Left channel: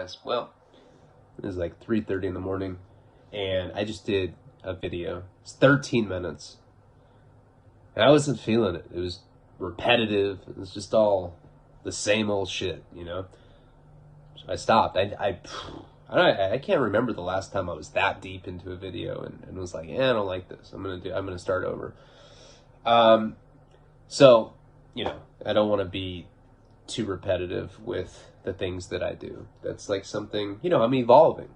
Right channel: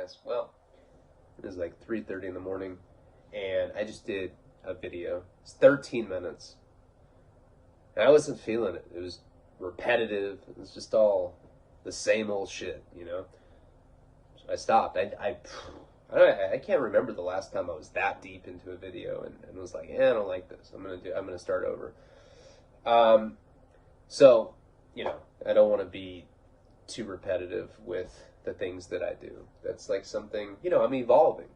dumbass. Well, it was like 3:30 in the morning, and I just did a video. It's 13 minutes. And I wasn't feeling it. It was repetitive. It was just all the same old shit, you know? So I stopped. I can't remember the last time I was that deep into a video and was like, I don't like this. I'm gonna start over. So, you know, I don't want to be too repetitive with the things that I do. That's like something, you know, I'm evolving.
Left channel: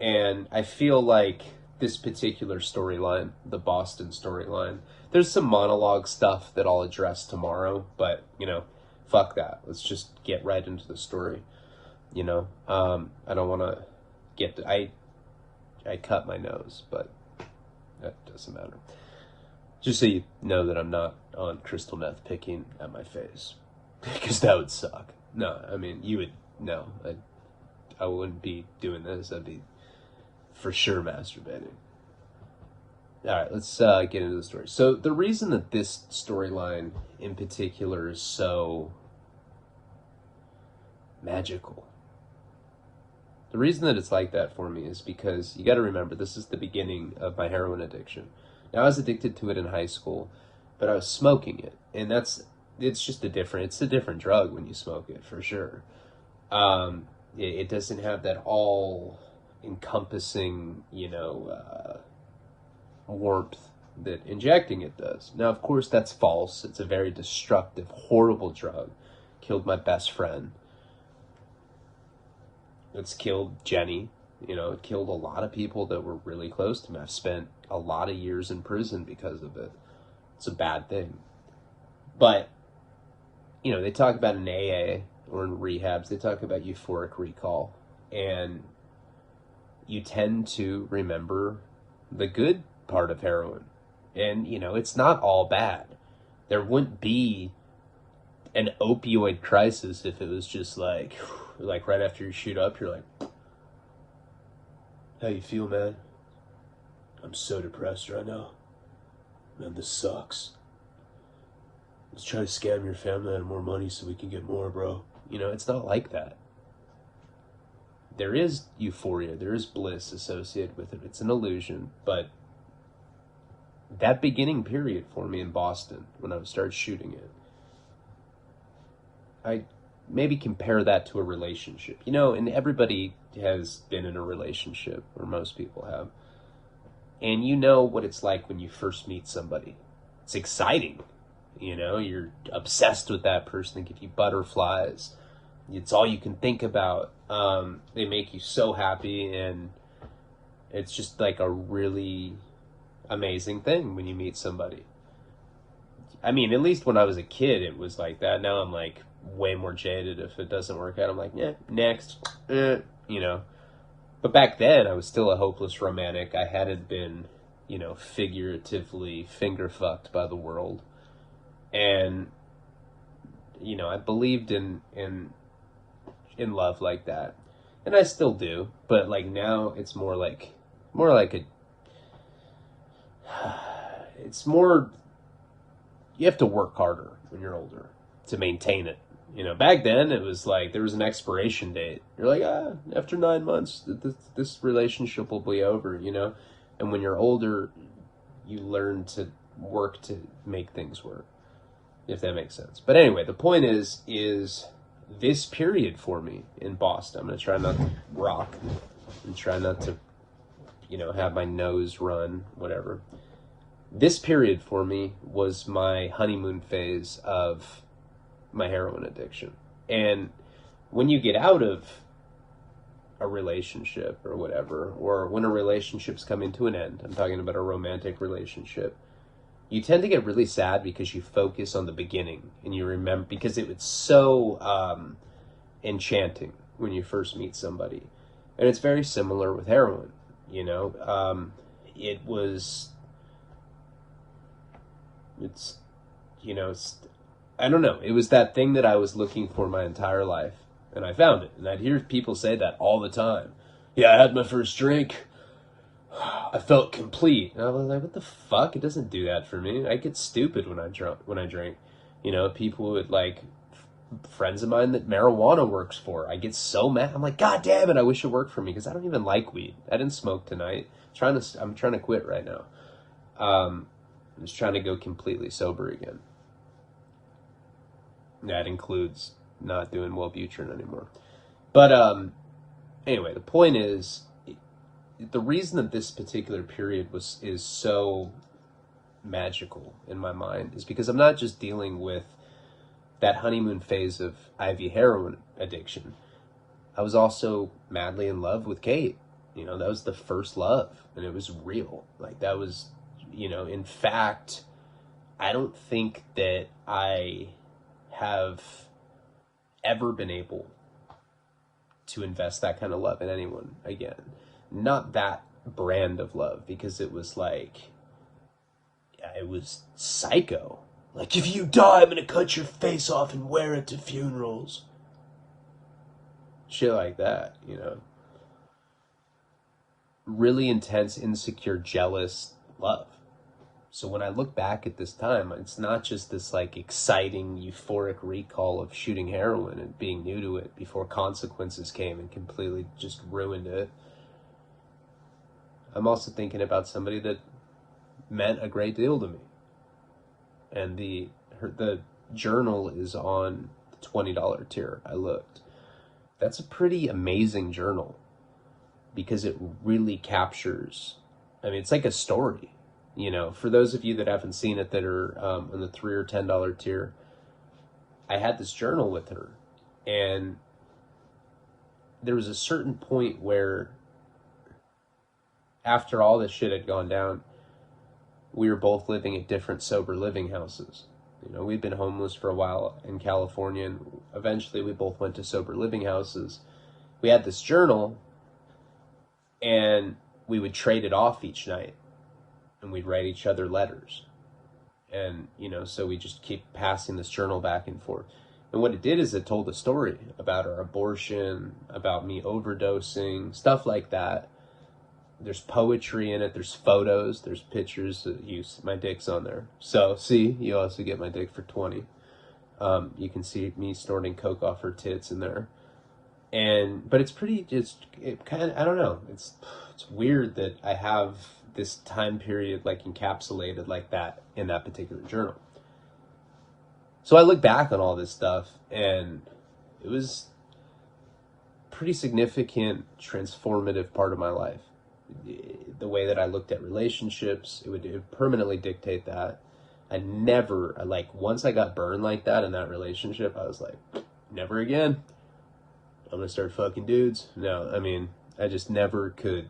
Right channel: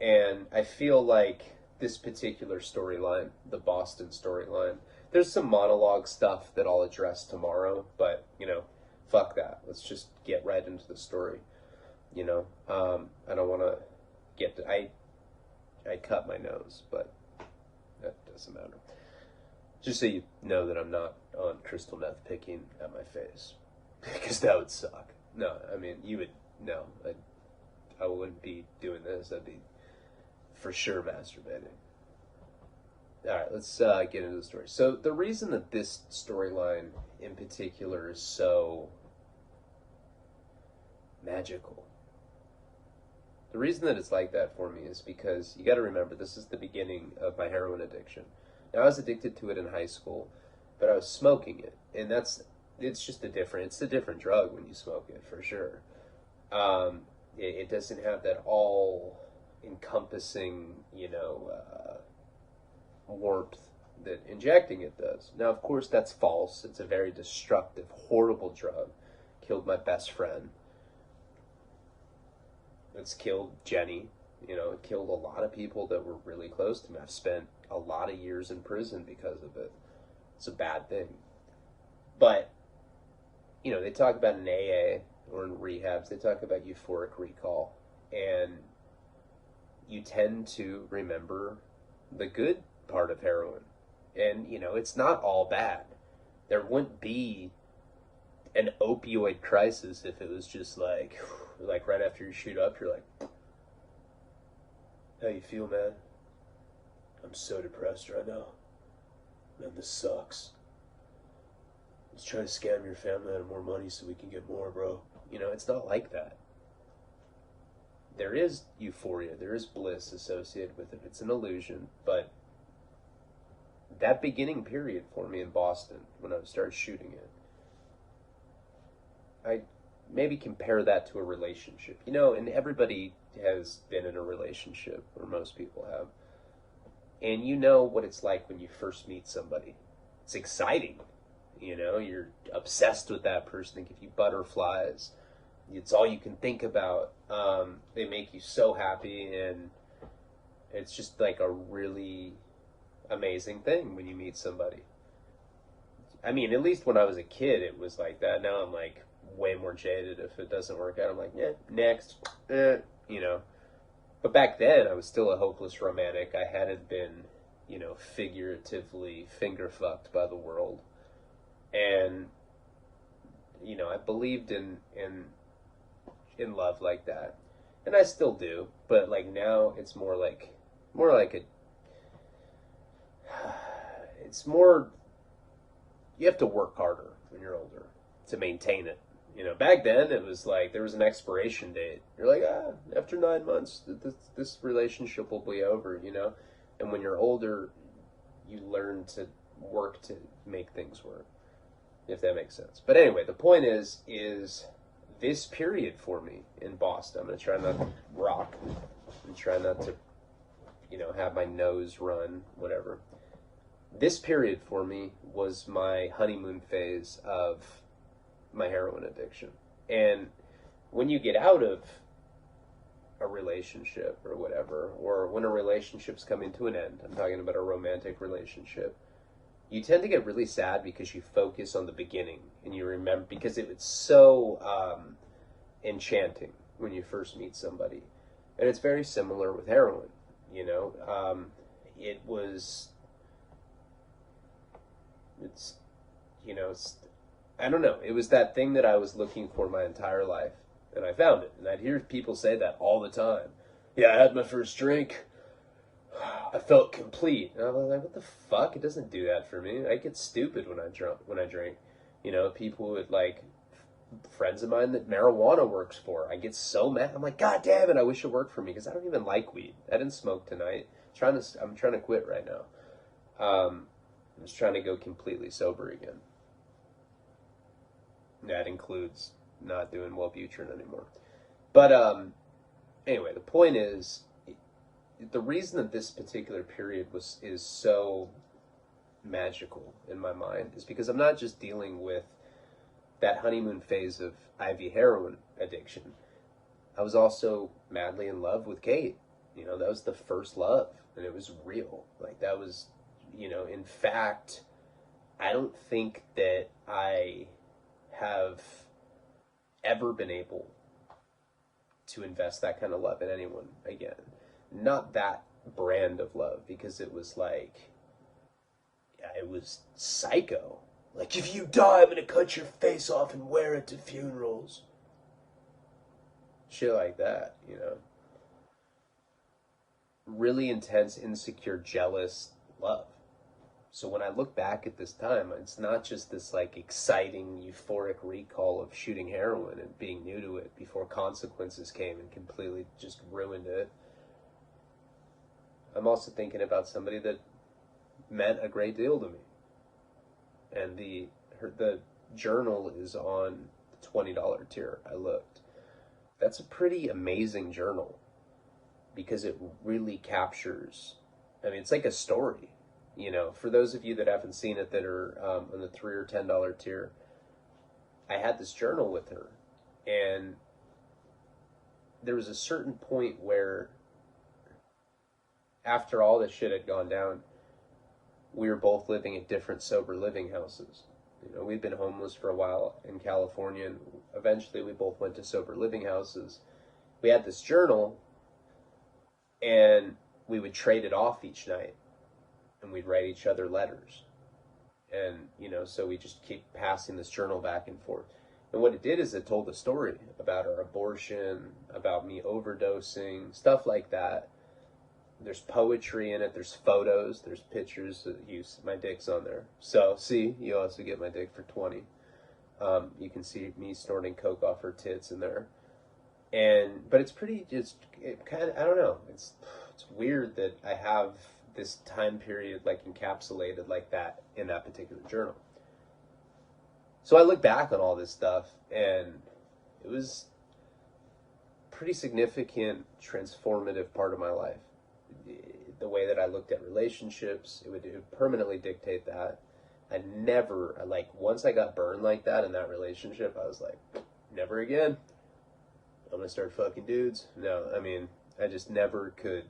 And I feel like this particular storyline, the Boston storyline, there's some monologue stuff that I'll address tomorrow, but, you know, fuck that. Let's just get right into the story. You know, I don't want to I cut my nose, but that doesn't matter. Just so you know that I'm not on crystal meth picking at my face, because that would suck. No, I mean, you would, no, I wouldn't be doing this. I'd be for sure masturbating. All right, let's get into the story. So the reason that this storyline in particular is so magical, the reason that it's like that for me is because you got to remember, this is the beginning of my heroin addiction. Now, I was addicted to it in high school, but I was smoking it, and it's a different drug when you smoke it, for sure. It doesn't have that all encompassing, you know, warmth that injecting it does. Now, of course, that's false. It's a very destructive, horrible drug. Killed my best friend. It's killed Jenny. You know, it killed a lot of people that were really close to me. I've spent a lot of years in prison because of it. It's a bad thing. But, you know, they talk about in AA or in rehabs, they talk about euphoric recall. And you tend to remember the good part of heroin. And, you know, it's not all bad. There wouldn't be an opioid crisis if it was just like right after you shoot up, you're like, how you feel, man? I'm so depressed right now. Man, this sucks. Let's try to scam your family out of more money so we can get more, bro. You know, it's not like that. There is euphoria, there is bliss associated with it. It's an illusion, but that beginning period for me in Boston, when I started shooting it, I maybe compare that to a relationship. You know, and everybody has been in a relationship, or most people have. And you know what it's like when you first meet somebody. It's exciting. You know, you're obsessed with that person. They give you butterflies. It's all you can think about. They make you so happy, and it's just like a really amazing thing when you meet somebody. I mean, at least when I was a kid, it was like that. Now I'm like way more jaded. If it doesn't work out, I'm like, next, you know. But back then, I was still a hopeless romantic. I hadn't been, you know, figuratively finger fucked by the world. And, you know, I believed in love like that. And I still do. But, like, now it's more like it's more, you have to work harder when you're older to maintain it. You know, back then it was like there was an expiration date. You're like, after 9 months, this relationship will be over, you know? And when you're older, you learn to work to make things work, if that makes sense. But anyway, the point is this period for me in Boston, I'm going to try not to rock and try not to, you know, have my nose run, whatever. This period for me was my honeymoon phase of my heroin addiction. And when you get out of a relationship or whatever, or when a relationship's coming to an end, I'm talking about a romantic relationship, you tend to get really sad because you focus on the beginning and you remember, because it was so enchanting when you first meet somebody. And it's very similar with heroin, you know. I don't know. It was that thing that I was looking for my entire life, and I found it. And I'd hear people say that all the time. Yeah, I had my first drink. I felt complete. And I was like, what the fuck? It doesn't do that for me. I get stupid when I drink. You know, people would like friends of mine that marijuana works for. I get so mad. I'm like, God damn it, I wish it worked for me, because I don't even like weed. I didn't smoke tonight. I'm trying to quit right now. I'm just trying to go completely sober again. That includes not doing Wellbutrin anymore. But anyway, the point is, the reason that this particular period is so magical in my mind is because I'm not just dealing with that honeymoon phase of IV heroin addiction. I was also madly in love with Kate. That was the first love, and it was real. Like, that was, in fact, I don't think that I have ever been able to invest that kind of love in anyone again. Not that brand of love, because it was like, it was psycho. Like, if you die, I'm gonna cut your face off and wear it to funerals. Shit like that, Really intense, insecure, jealous love. So when I look back at this time, it's not just this like exciting, euphoric recall of shooting heroin and being new to it before consequences came and completely just ruined it. I'm also thinking about somebody that meant a great deal to me. And the journal is on the $20 tier. I looked. That's a pretty amazing journal, because it really captures, it's like a story. For those of you that haven't seen it, that are on the $3 or $10 tier, I had this journal with her, and there was a certain point where, after all this shit had gone down, we were both living at different sober living houses. We'd been homeless for a while in California, and eventually we both went to sober living houses. We had this journal, and we would trade it off each night, and we'd write each other letters. And, so we just keep passing this journal back and forth. And what it did is it told a story about our abortion, about me overdosing, stuff like that. There's poetry in it, there's photos, there's pictures. My dick's on there. So, see, you also get my dick for 20. You can see me snorting coke off her tits in there. But it's I don't know. It's weird that I have this time period like encapsulated like that in that particular journal. So I look back on all this stuff, and it was a pretty significant, transformative part of my life. The way that I looked at relationships, it would permanently dictate that. I never, once I got burned like that in that relationship, I was like, never again. I'm gonna start fucking dudes. No, I just never could.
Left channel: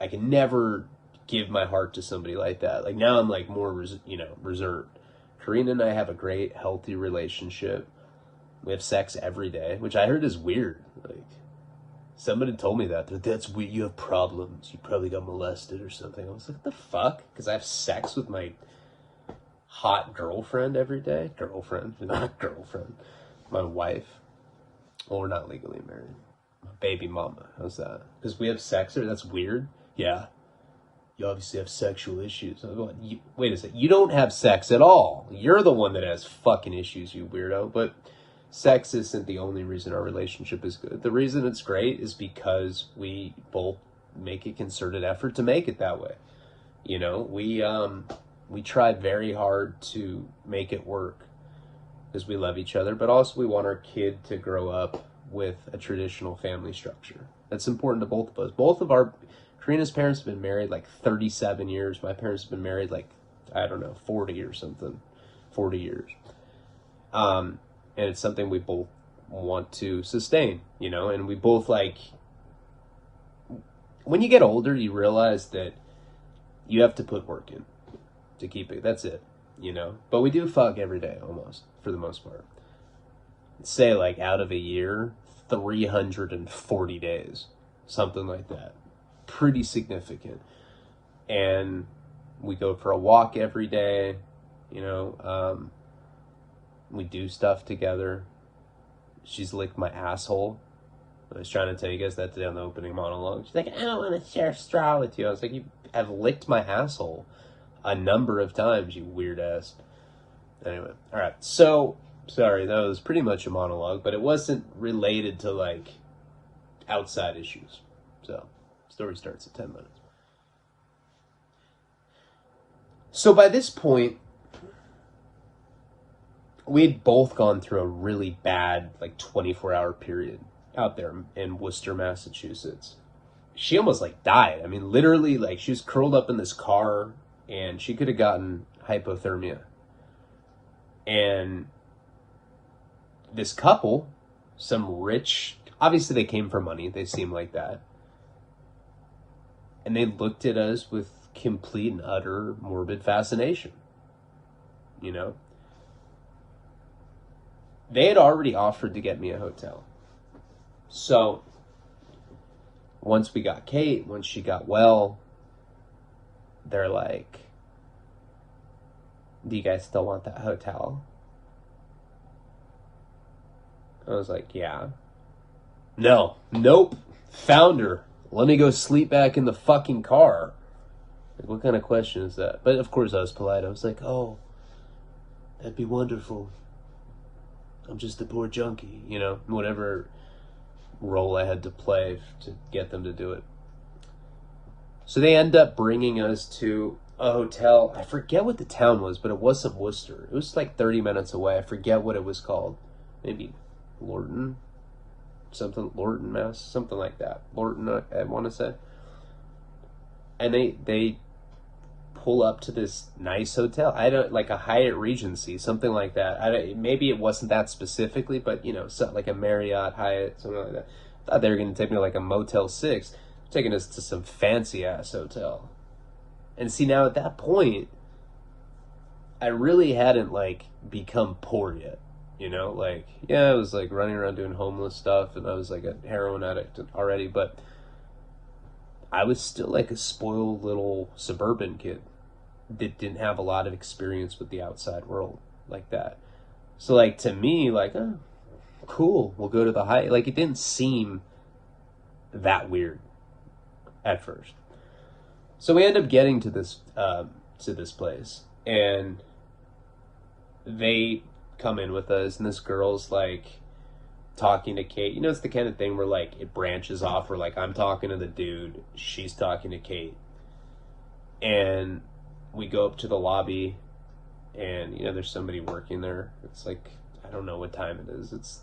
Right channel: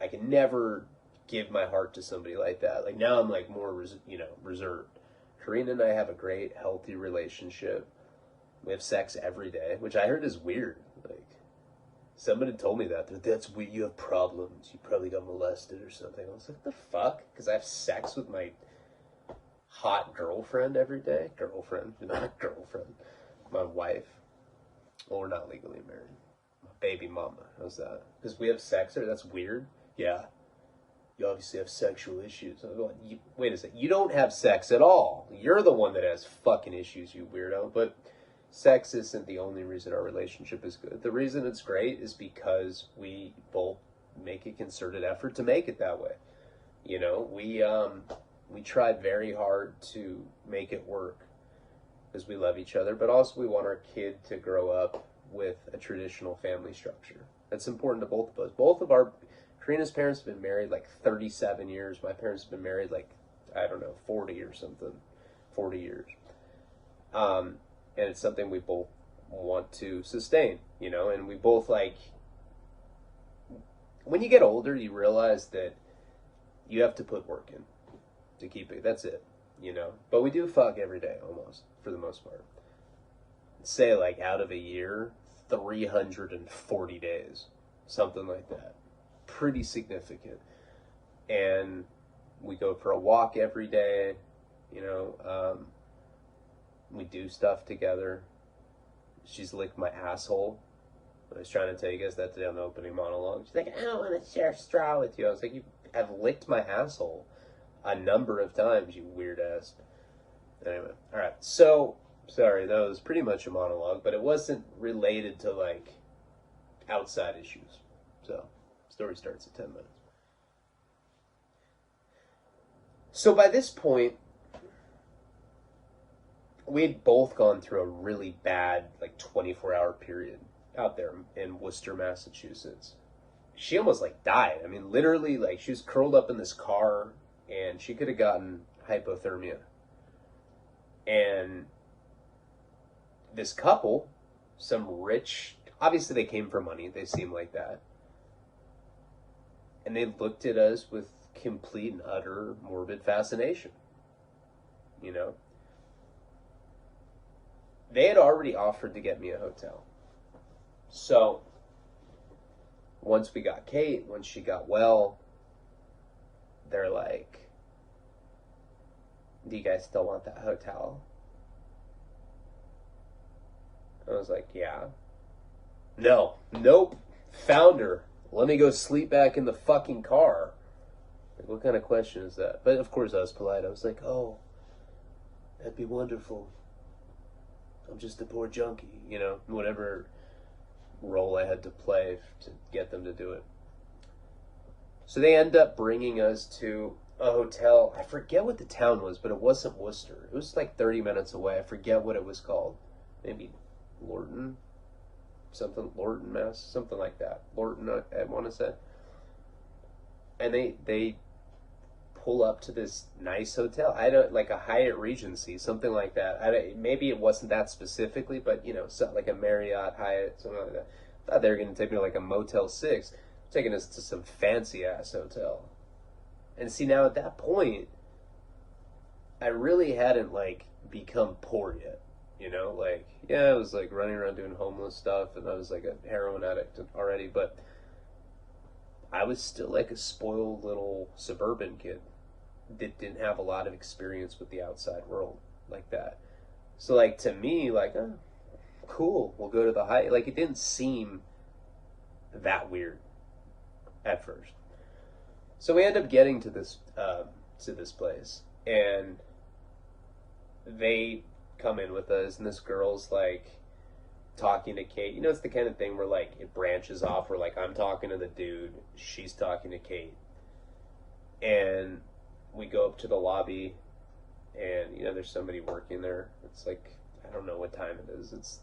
I can never give my heart to somebody like that. Like, now I'm like more, reserved. Karina and I have a great, healthy relationship. We have sex every day, which I heard is weird. Like, somebody told me that's weird. You have problems. You probably got molested or something. I was like, what the fuck? Because I have sex with my hot girlfriend every day. Girlfriend, not girlfriend. My wife. Well, we're not legally married. My baby mama. How's that? Because we have sex, or that's weird? Yeah. You obviously have sexual issues. Wait a second. You don't have sex at all. You're the one that has fucking issues, you weirdo. But sex isn't the only reason our relationship is good. The reason it's great is because we both make a concerted effort to make it that way. We tried very hard to make it work because we love each other, but also we want our kid to grow up with a traditional family structure. That's important to both of us. Karina's parents have been married like 37 years. My parents have been married like, 40 or something. 40 years. And it's something we both want to sustain, and we both when you get older, you realize that you have to put work in to keep it. That's it, But we do fuck every day, almost, for the most part. Say, out of a year, 340 days, something like that. Pretty significant. And we go for a walk every day, we do stuff together. She's licked my asshole. I was trying to tell you guys that today on the opening monologue. She's like, I don't want to share a straw with you. I was like, you have licked my asshole a number of times, you weird ass. Anyway, all right. So Sorry, that was pretty much a monologue, but it wasn't related to, like, outside issues. So, story starts at 10 minutes. So by this point, we had both gone through a really bad, like, 24-hour period out there in Worcester, Massachusetts. She almost, like, died. I mean, literally, like, she was curled up in this car, and she could have gotten hypothermia. And this couple, some rich, obviously they came for money, they seem like that. And they looked at us with complete and utter morbid fascination. You know? They had already offered to get me a hotel. So, once we got Kate, once she got well, they're like, do you guys still want that hotel? I was like, yeah. No. Nope. Found her. Let me go sleep back in the fucking car. Like, what kind of question is that? But of course I was polite. I was like, oh, that'd be wonderful. I'm just a poor junkie, you know, whatever role I had to play to get them to do it. So they end up bringing us to a hotel. I forget what the town was, but it wasn't Worcester. It was like 30 minutes away. I forget what it was called. Maybe Lorton, Mass, something like that. Lorton, I want to say. And they pull up to this nice hotel. I don't, like a Hyatt Regency, something like that. Maybe it wasn't that specifically, but you know, something like a Marriott, Hyatt, something like that. I thought they were going to take me to like a Motel 6, taking us to some fancy ass hotel. And see, now at that point, I really hadn't like become poor yet. You know, like, yeah, I was like running around doing homeless stuff, and I was like a heroin addict already, but I was still like a spoiled little suburban kid that didn't have a lot of experience with the outside world like that. So like to me, like, oh, cool, we'll go to the Hyatt. Like, it didn't seem that weird at first. So we end up getting to this place, and they come in with us, and this girl's like talking to Kate. You know, it's the kind of thing where like it branches off, where like I'm talking to the dude, she's talking to Kate, and we go up to the lobby, and you know, there's somebody working there. It's like, I don't know what time it is. It's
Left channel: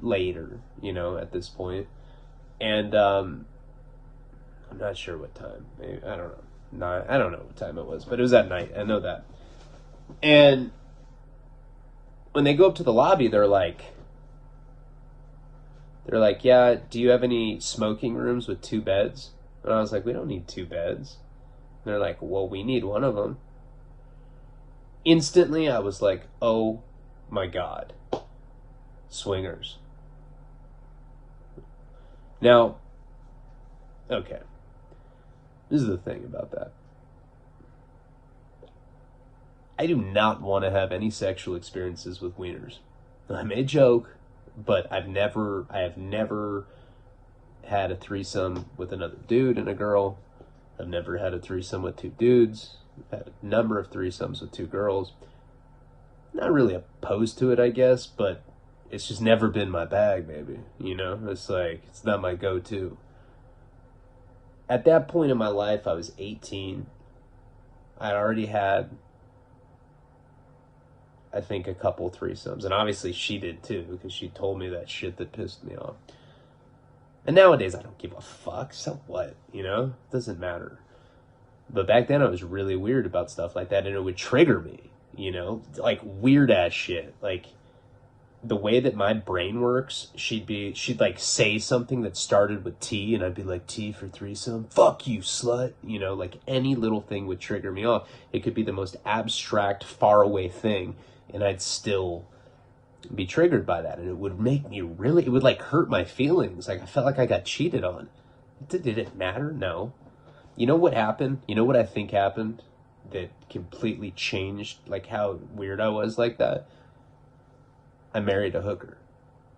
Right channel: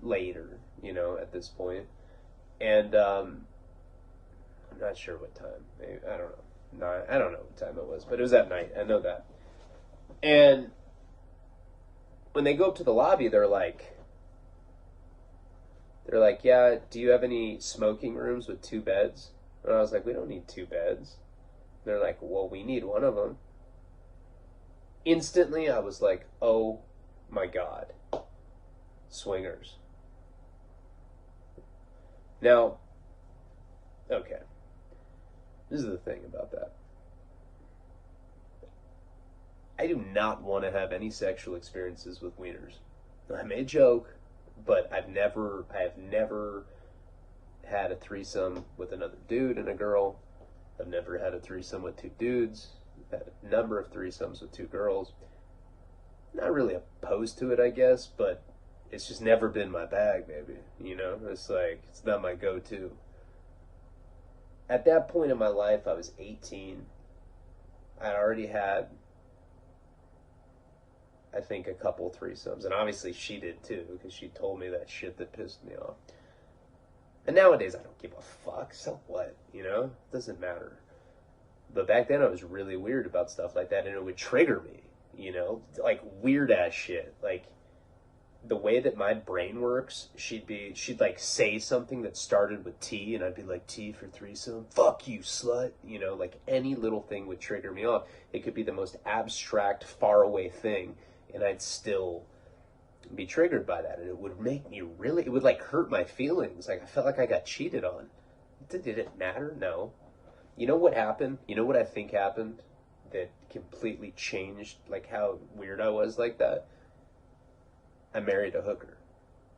later, you know, at this point, and I'm not sure what time. Maybe, I don't know. No, I don't know what time it was, but it was at night. I know that. And when they go up to the lobby, they're like, yeah, do you have any smoking rooms with 2 beds? And I was like, we don't need 2 beds. And they're like, well, we need one of them. Instantly, I was like, oh my God. Swingers. Now, okay. This is the thing about that. I do not want to have any sexual experiences with wieners. I may joke, but I have never had a threesome with another dude and a girl. I've never had a threesome with 2 dudes. I've had a number of threesomes with 2 girls. Not really opposed to it, I guess, but it's just never been my bag, baby. You know, it's like, it's not my go-to. At that point in my life, I was 18. I'd already had, I think, a couple threesomes. And obviously she did too, because she told me that shit that pissed me off. And nowadays, I don't give a fuck. So what? You know? It doesn't matter. But back then, I was really weird about stuff like that, and it would trigger me. You know? Like, weird-ass shit. Like, the way that my brain works, she'd like say something that started with T, and I'd be like, T for threesome? Fuck you, slut. You know, like any little thing would trigger me off. It could be the most abstract, faraway thing, and I'd still be triggered by that. And it would make me really, it would like hurt my feelings. Like I felt like I got cheated on. Did it matter? No. You know what happened? You know what I think happened that completely changed like how weird I was like that? I married a hooker.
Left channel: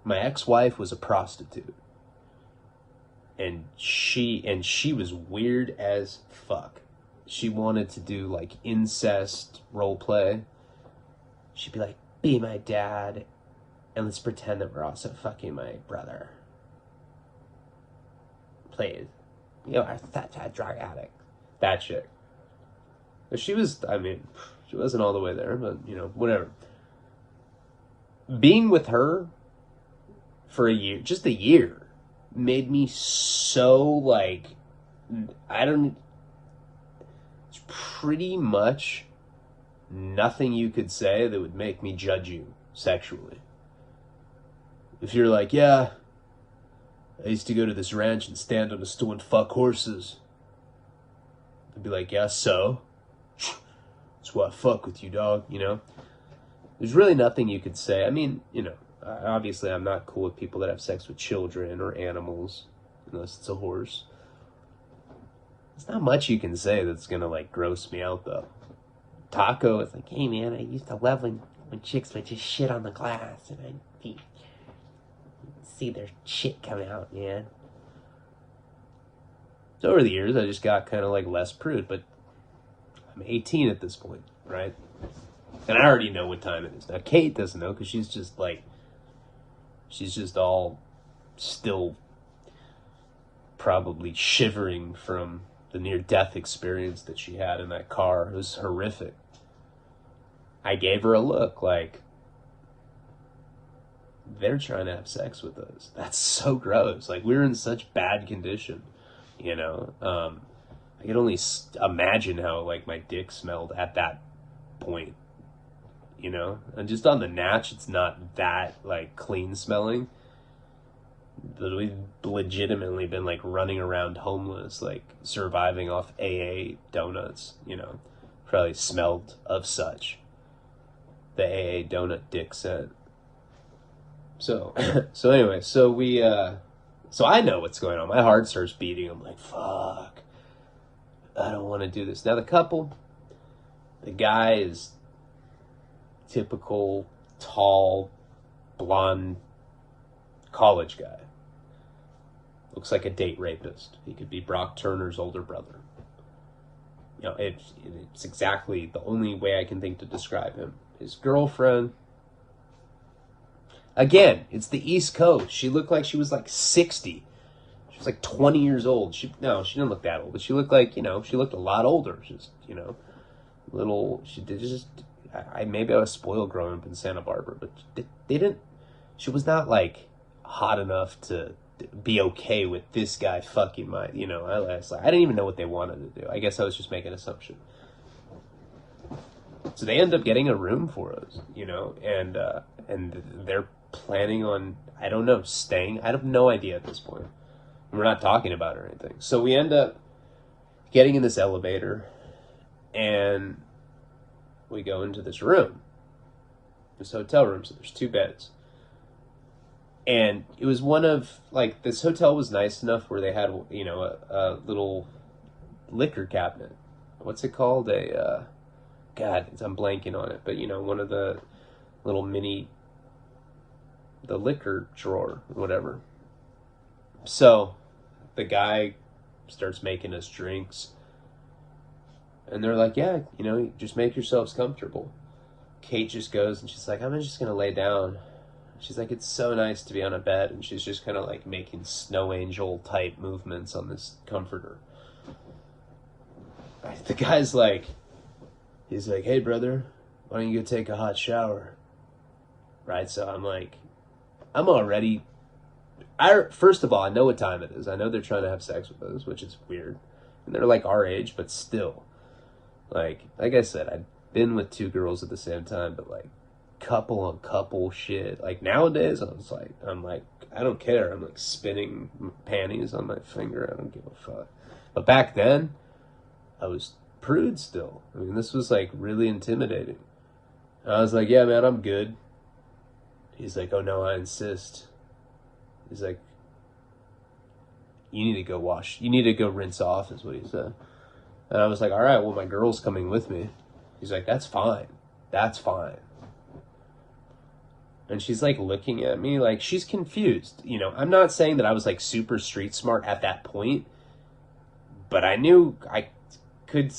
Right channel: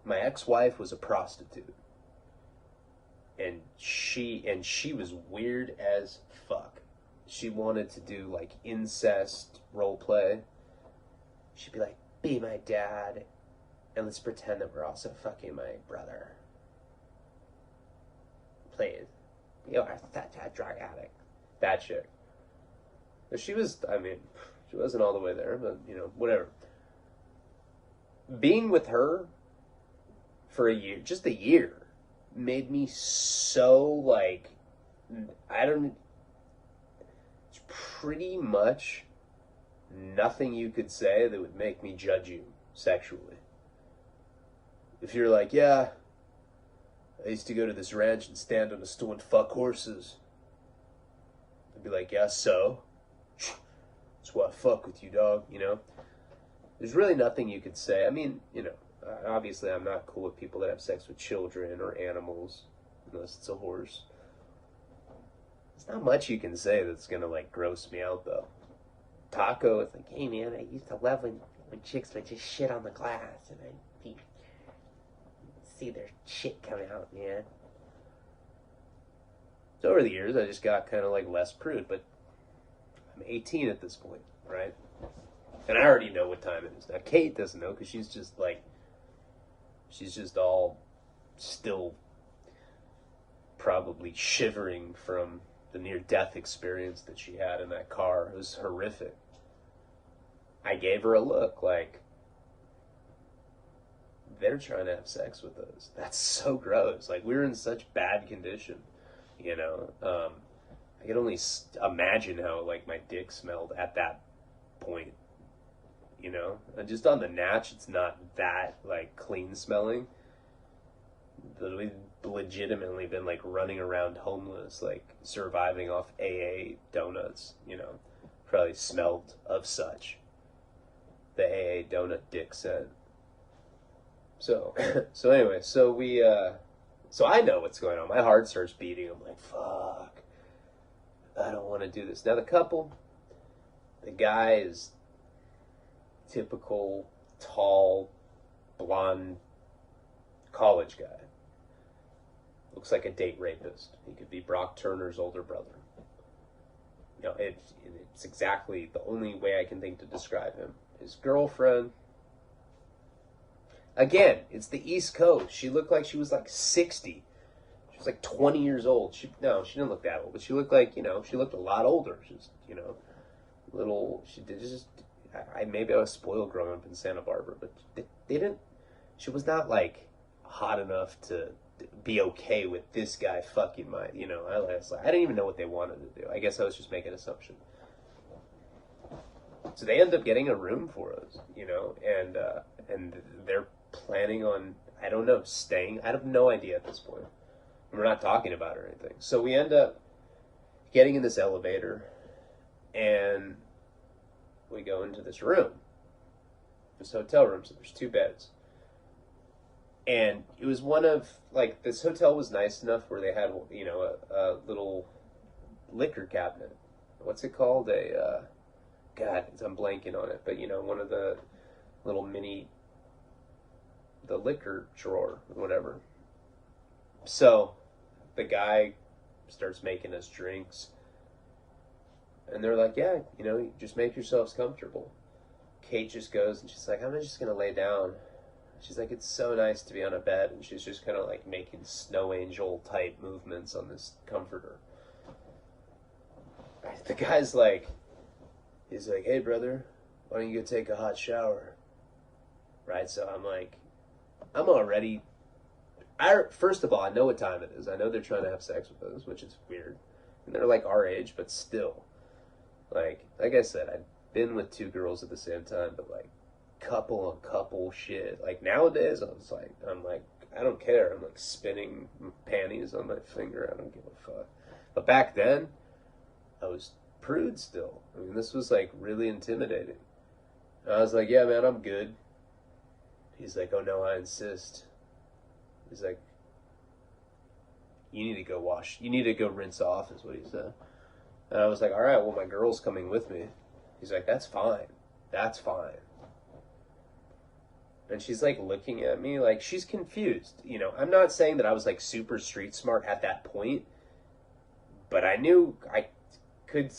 My ex-wife was a prostitute. And she was weird as fuck. She wanted to do like incest role play. She'd be like, be my dad, and let's pretend that we're also fucking my brother. Please. You know, I'm such a drug addict. That chick. She was, I mean, she wasn't all the way there, but, you know, whatever. Being with her for a year, just a year, made me so, like, it's pretty much nothing you could say that would make me judge you sexually. If you're like, yeah, I used to go to this ranch and stand on a stool and fuck horses, I'd be like, yeah, so? That's why I fuck with you, dog, you know? There's really nothing you could say. I mean, you know, obviously I'm not cool with people that have sex with children or animals, unless it's a horse. There's not much you can say that's gonna, like, gross me out, though. Taco is like, hey, man, I used to love when chicks would just shit on the glass, and I'd see their shit coming out, man. So over the years, I just got kind of, like, less prude, but I'm 18 at this point, right? And I already know what time it is. Now, Kate doesn't know, because she's just, like, she's just all still probably shivering from the near-death experience that she had in that car. It was horrific. I gave her a look like, they're trying to have sex with us. That's so gross. Like, we were in such bad condition, you know? I could only imagine how, like, my dick smelled at that point, you know? And just on the natch, it's not that, like, clean smelling. But we've legitimately been, like, running around homeless, like, surviving off AA donuts, you know? Probably smelled of such. The AA donut dick scent. So anyway, so I know what's going on. My heart starts beating. I'm like, fuck, I don't want to do this. Now the guy is typical, tall, blonde, college guy. Looks like a date rapist. He could be Brock Turner's older brother. You know, it's exactly the only way I can think to describe him. His girlfriend, again, it's the East Coast. She looked like she was like 60. She was like 20 years old. She didn't look that old, but she looked like, you know, she looked a lot older. She's, you know, maybe I was spoiled growing up in Santa Barbara, but she was not like hot enough to be okay with this guy fucking my, you know, I didn't even know what they wanted to do. I guess I was just making an assumption. So they end up getting a room for us, you know, and they're planning on, I don't know, staying. I have no idea at this point. We're not talking about it or anything. So we end up getting in this elevator, and we go into this room, this hotel room. So there's 2 beds. And it was one of, like, this hotel was nice enough where they had, you know, a little liquor cabinet. What's it called? God, I'm blanking on it. But, you know, one of the little the liquor drawer or whatever. So the guy starts making us drinks. And they're like, yeah, you know, just make yourselves comfortable. Kate just goes and she's like, I'm just going to lay down. She's like, it's so nice to be on a bed. And she's just kind of like making snow angel type movements on this comforter. The guy's like, he's like, hey, brother, why don't you go take a hot shower? Right? So I'm like, I'm already, first of all, I know what time it is. I know they're trying to have sex with us, which is weird. And they're like our age, but still. Like I said, I've been with 2 girls at the same time, but like couple on couple shit. Like nowadays, I'm like, I don't care. I'm like spinning panties on my finger. I don't give a fuck. But back then, I was prude still. I mean, this was like really intimidating. And I was like, yeah, man, I'm good. He's like, oh no, I insist. He's like, you need to go wash. You need to go rinse off, is what he said. And I was like, all right, well, my girl's coming with me. He's like, that's fine. That's fine. And she's like looking at me like she's confused. You know, I'm not saying that I was like super street smart at that point, but I knew I could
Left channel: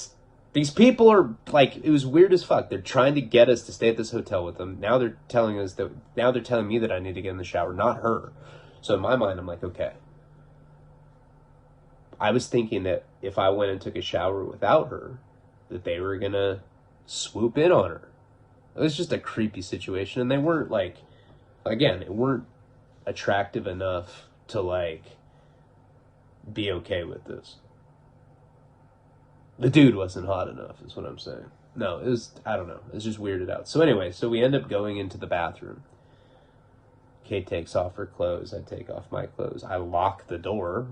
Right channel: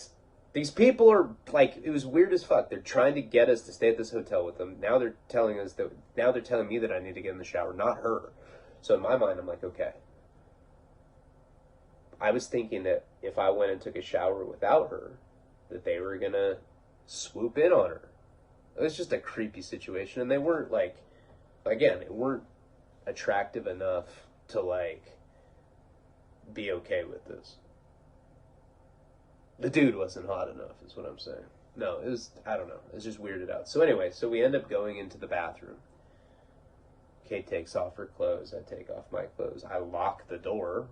These people are like, it was weird as fuck. They're trying to get us to stay at this hotel with them. Now they're telling me that I need to get in the shower, not her. So in my mind, I'm like, okay. I was thinking that if I went and took a shower without her, that they were gonna swoop in on her. It was just a creepy situation, and they weren't like, again, they weren't attractive enough to like be okay with this. The dude wasn't hot enough, is what I'm saying. No, it was, I don't know. It was just weirded out. So anyway, so we end up going into the bathroom. Kate takes off her clothes. I take off my clothes. I lock the door.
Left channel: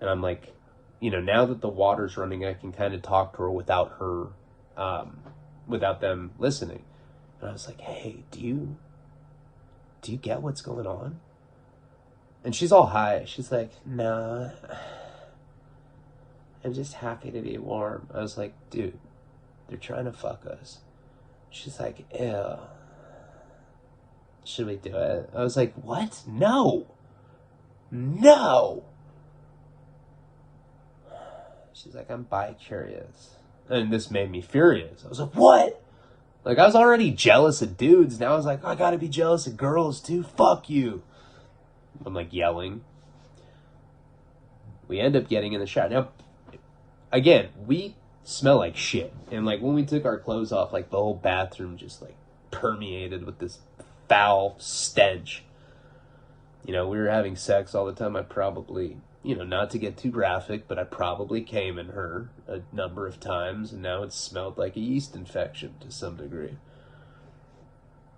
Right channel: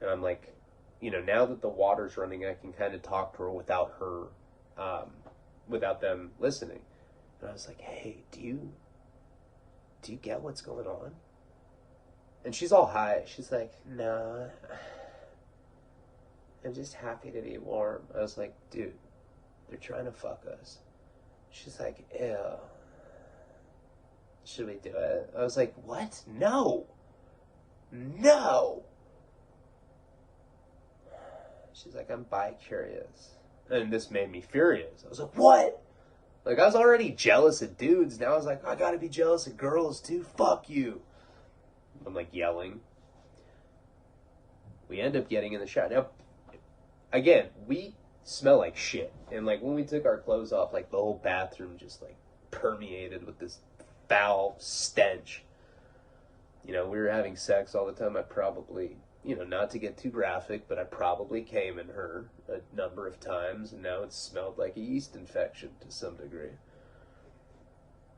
And I'm like, you know, now that the water's running, I can kind of talk to her without them listening. And I was like, hey, do you get what's going on? And she's all high. She's like, no, I'm just happy to be warm. I was like, dude, they're trying to fuck us. She's like, ew. Should we do it? I was like, what? No. No. She's like, I'm bi-curious. And this made me furious. I was like, what? Like, I was already jealous of dudes. Now I was like, I gotta be jealous of girls too. Fuck you. I'm like yelling. We end up getting in the shower. Now, again, we smell like shit. And like when we took our clothes off, like the whole bathroom just like permeated with this foul stench. You know, we were having sex all the time. I probably, you know, not to get too graphic, but I probably came in her a number of times, and now it smelled like a yeast infection to some degree.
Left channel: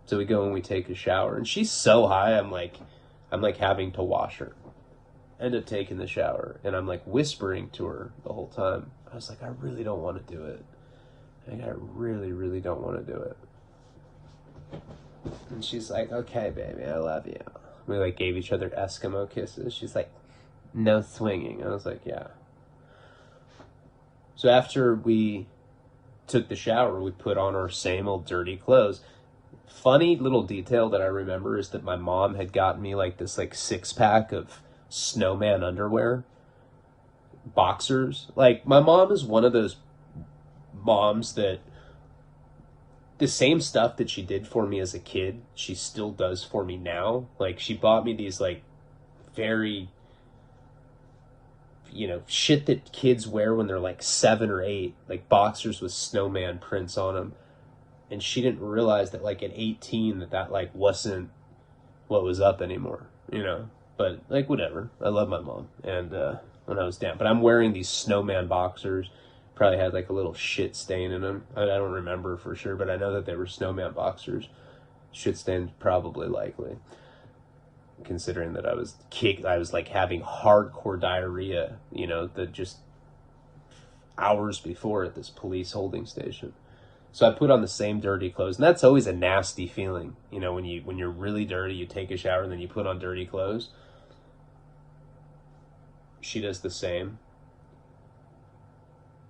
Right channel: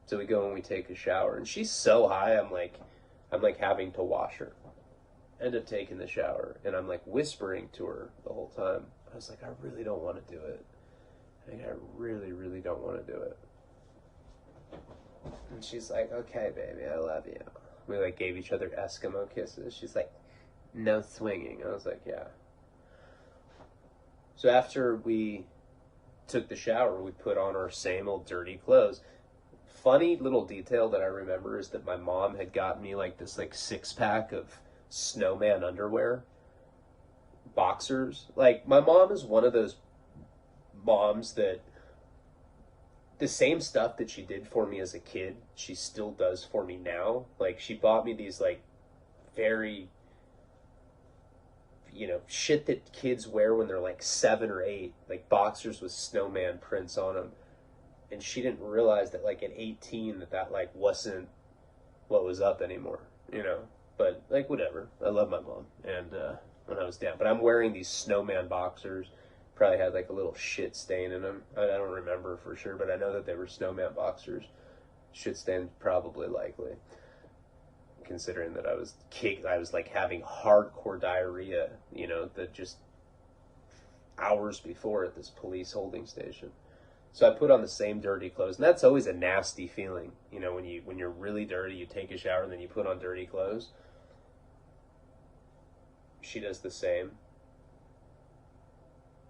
So we go and we take a shower, and she's so high, I'm like having to wash her. End up taking the shower, and I'm like whispering to her the whole time. I was like, I really don't want to do it. Like, I really, really don't want to do it. And she's like, okay, baby, I love you. We like gave each other Eskimo kisses. She's like, no swinging. I was like, yeah. So after we took the shower, we put on our same old dirty clothes. Funny little detail that I remember is that my mom had gotten me like this like 6-pack of snowman underwear, boxers. Like, my mom is one of those moms that the same stuff that she did for me as a kid, she still does for me now. Like, she bought me these like very, you know, shit that kids wear when they're like 7 or 8, like boxers with snowman prints on them. And she didn't realize that like at 18 that like wasn't what was up anymore, you know. But like, whatever. I love my mom. And when I was down, but I'm wearing these snowman boxers. Probably had like a little shit stain in them. I don't remember for sure, but I know that they were snowman boxers. Shit stain probably likely, considering that I was like having hardcore diarrhea, you know, that just hours before at this police holding station. So I put on the same dirty clothes, and that's always a nasty feeling, you know, when you're really dirty, you take a shower and then you put on dirty clothes. She does the same.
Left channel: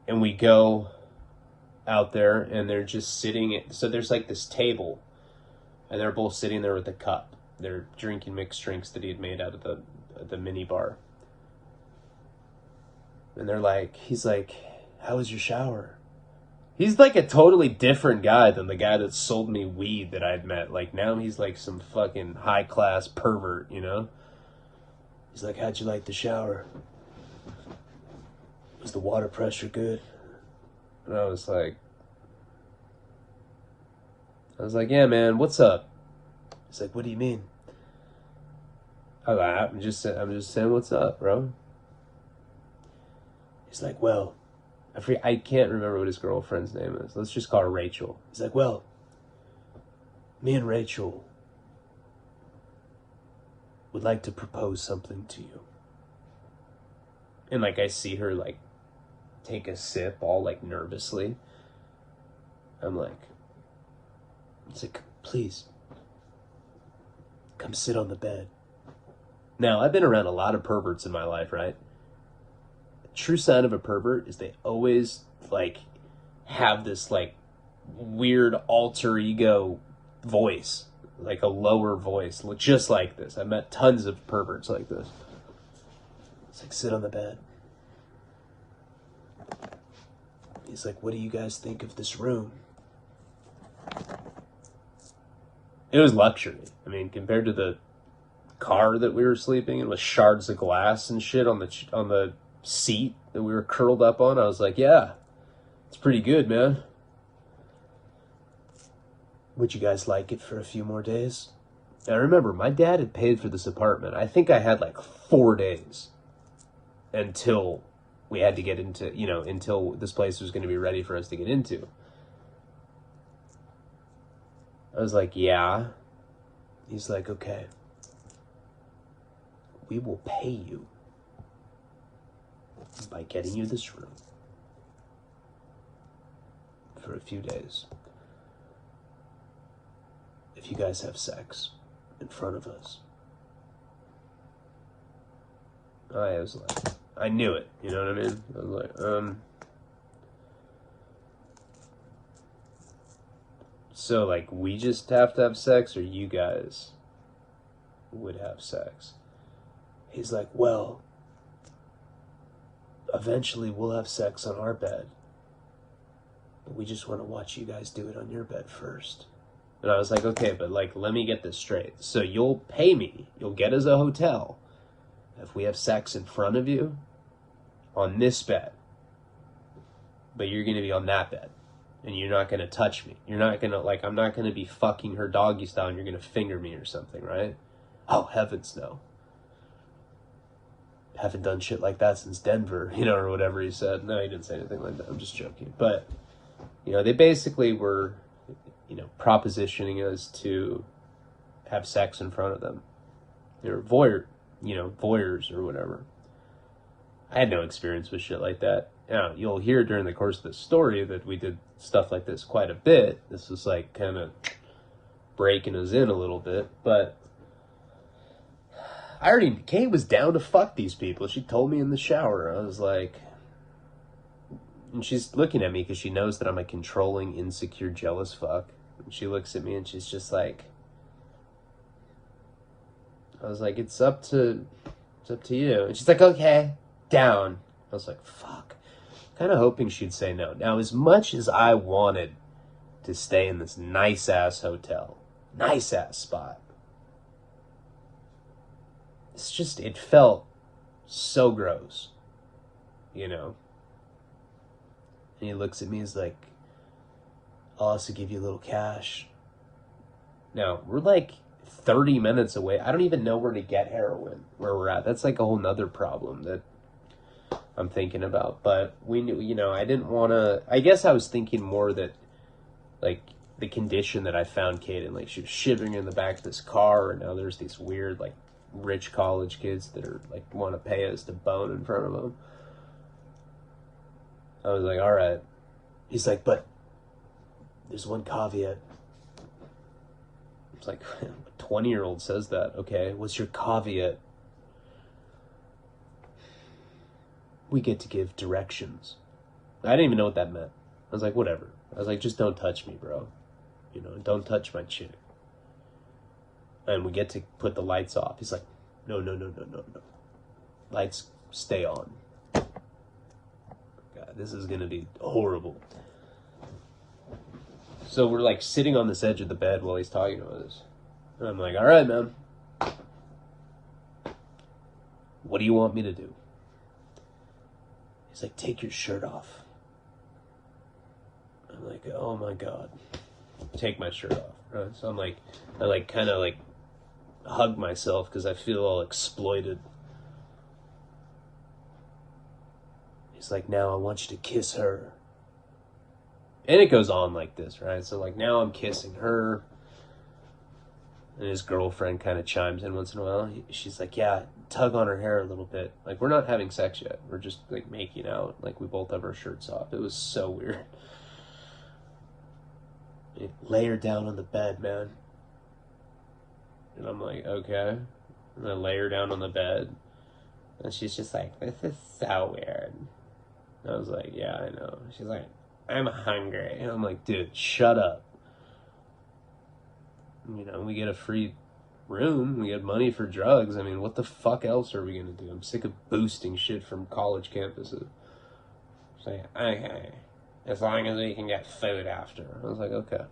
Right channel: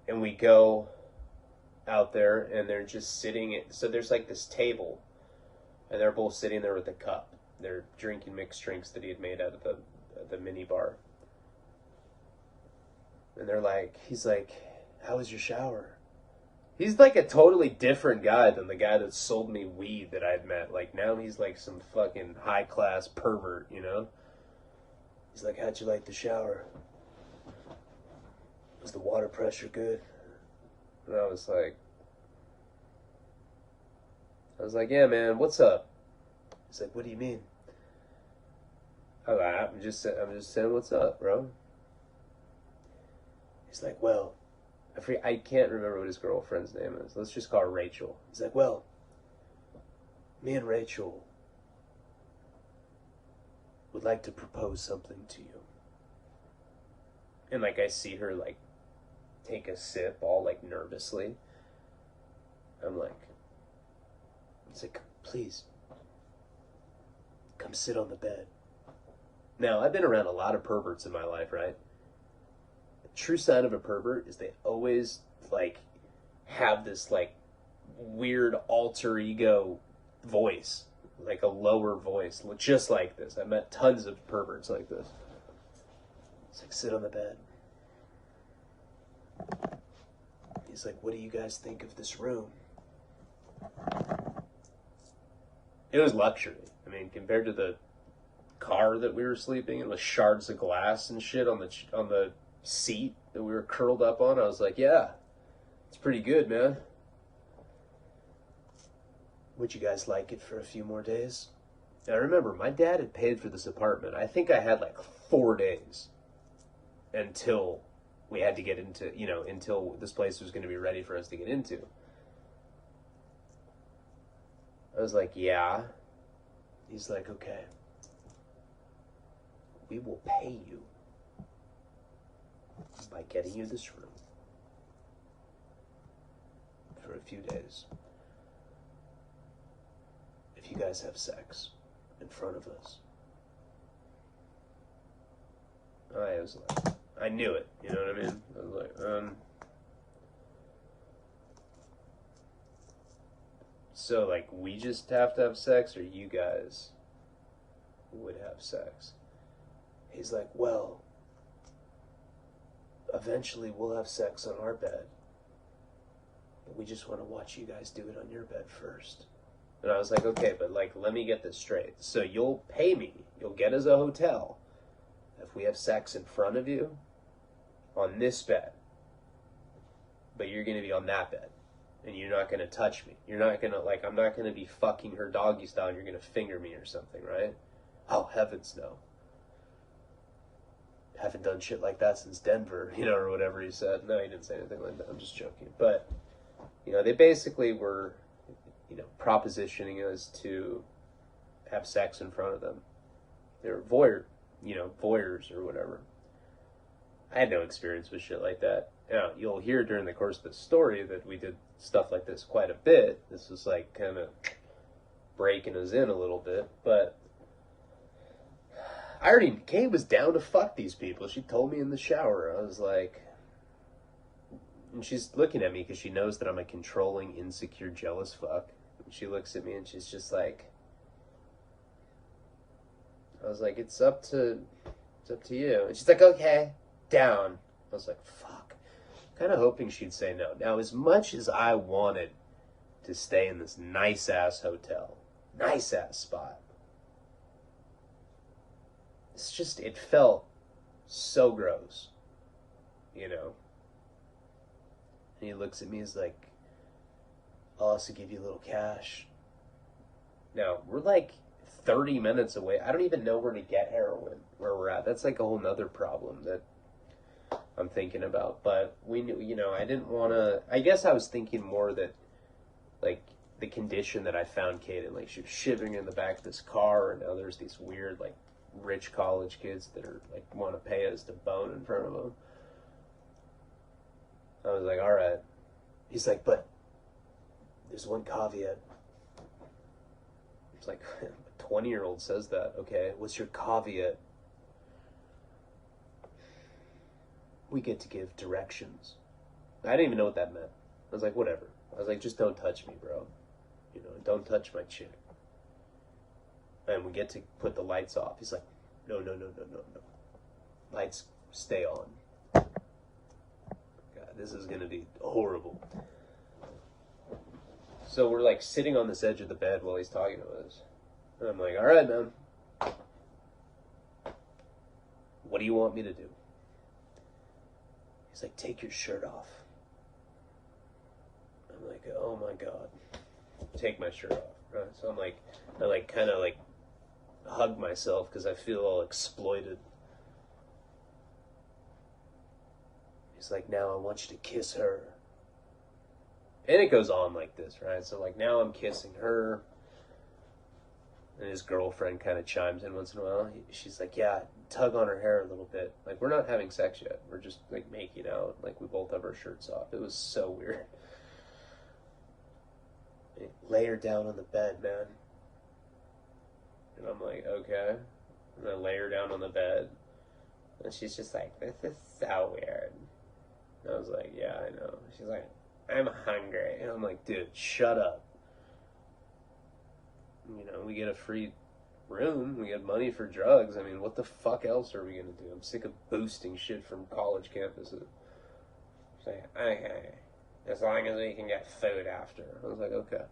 And we go out there, and they're just sitting. So there's like this table, and they're both sitting there with a cup. They're drinking mixed drinks that he had made out of the mini bar. And they're like, he's like, how was your shower? He's like a totally different guy than the guy that sold me weed that I'd met. Like, now he's like some fucking high-class pervert, you know? He's like, how'd you like the shower? Was the water pressure good? And I was like, yeah, man, what's up? He's like, what do you mean? I'm just saying, what's up, bro? He's like, well, I can't remember what his girlfriend's name is. Let's just call her Rachel. He's like, well, me and Rachel would like to propose something to you. And like, I see her like take a sip all like nervously. I'm like, it's like, please come sit on the bed. Now, I've been around a lot of perverts in my life, right? The true sign of a pervert is they always like have this like weird alter ego voice, like a lower voice, just like this. I met tons of perverts like this. It's like, sit on the bed. He's like, what do you guys think of this room? It was luxury. I mean, compared to the car that we were sleeping in with shards of glass and shit on the seat that we were curled up on, I was like, yeah, it's pretty good, man. Would you guys like it for a few more days? Now remember, my dad had paid for this apartment. I think I had like 4 days until we had to get into, until this place was going to be ready for us to get into. I was like, yeah. He's like, okay. We will pay you by getting you this room for a few days. If you guys have sex in front of us. I was like, I knew it, you know what I mean? I was like, so like we just have to have sex, or you guys would have sex? He's like, well, eventually we'll have sex on our bed, but we just want to watch you guys do it on your bed first. And I was like, okay, but like, let me get this straight. So you'll pay me, you'll get us a hotel if we have sex in front of you on this bed, but you're going to be on that bed, and you're not going to touch me. You're not going to, like, I'm not going to be fucking her doggy style and you're going to finger me or something, right? Oh, heavens no. Haven't done shit like that since Denver, or whatever he said. No, he didn't say anything like that. I'm just joking. But, they basically were, propositioning us to have sex in front of them. They were voyeurs or whatever. I had no experience with shit like that. You'll hear during the course of the story that we did stuff like this quite a bit. This was like kind of breaking us in a little bit, but Kate was down to fuck these people. She told me in the shower. I was like, and she's looking at me because she knows that I'm a controlling, insecure, jealous fuck. And she looks at me and she's just like, I was like, it's up to you. And she's like, okay, down. I was like, fuck. Kind of hoping she'd say no. Now, as much as I wanted to stay in this nice-ass hotel, nice-ass spot, it felt so gross, And he looks at me, he's like, I'll also give you a little cash. Now, we're like 30 minutes away. I don't even know where to get heroin where we're at. That's like a whole nother problem that I'm thinking about. But we knew, I didn't want to, I guess I was thinking more that, like, the condition that I found Kate in, like, she was shivering in the back of this car, and now there's these weird, like, rich college kids that are, like, want to pay us to bone in front of them. I was like, all right. He's like, but there's one caveat. It's like, a 20-year-old says that. Okay, what's your caveat? We get to give directions. I didn't even know what that meant. I was like, whatever. I was like, just don't touch me, bro. Don't touch my chick. And we get to put the lights off. He's like, no. Lights stay on. God, this is going to be horrible. So we're like sitting on this edge of the bed while he's talking to us. And I'm like, all right, man. What do you want me to do? He's like, take your shirt off. I'm like, oh my God. Take my shirt off. Right? So I'm like, I like kind of like hug myself because I feel all exploited. He's like, now I want you to kiss her. And it goes on like this, right? So like now I'm kissing her. And his girlfriend kind of chimes in once in a while. She's like, yeah, tug on her hair a little bit. Like, we're not having sex yet. We're just like making out. Like, we both have our shirts off. It was so weird. Lay her down on the bed, man. And I'm like, okay. And I lay her down on the bed. And she's just like, this is so weird. And I was like, yeah, I know. She's like, I'm hungry. And I'm like, dude, shut up. We get a free room. We get money for drugs. I mean, what the fuck else are we going to do? I'm sick of boosting shit from college campuses. Say, okay. as long as we can get food after. I was like, okay.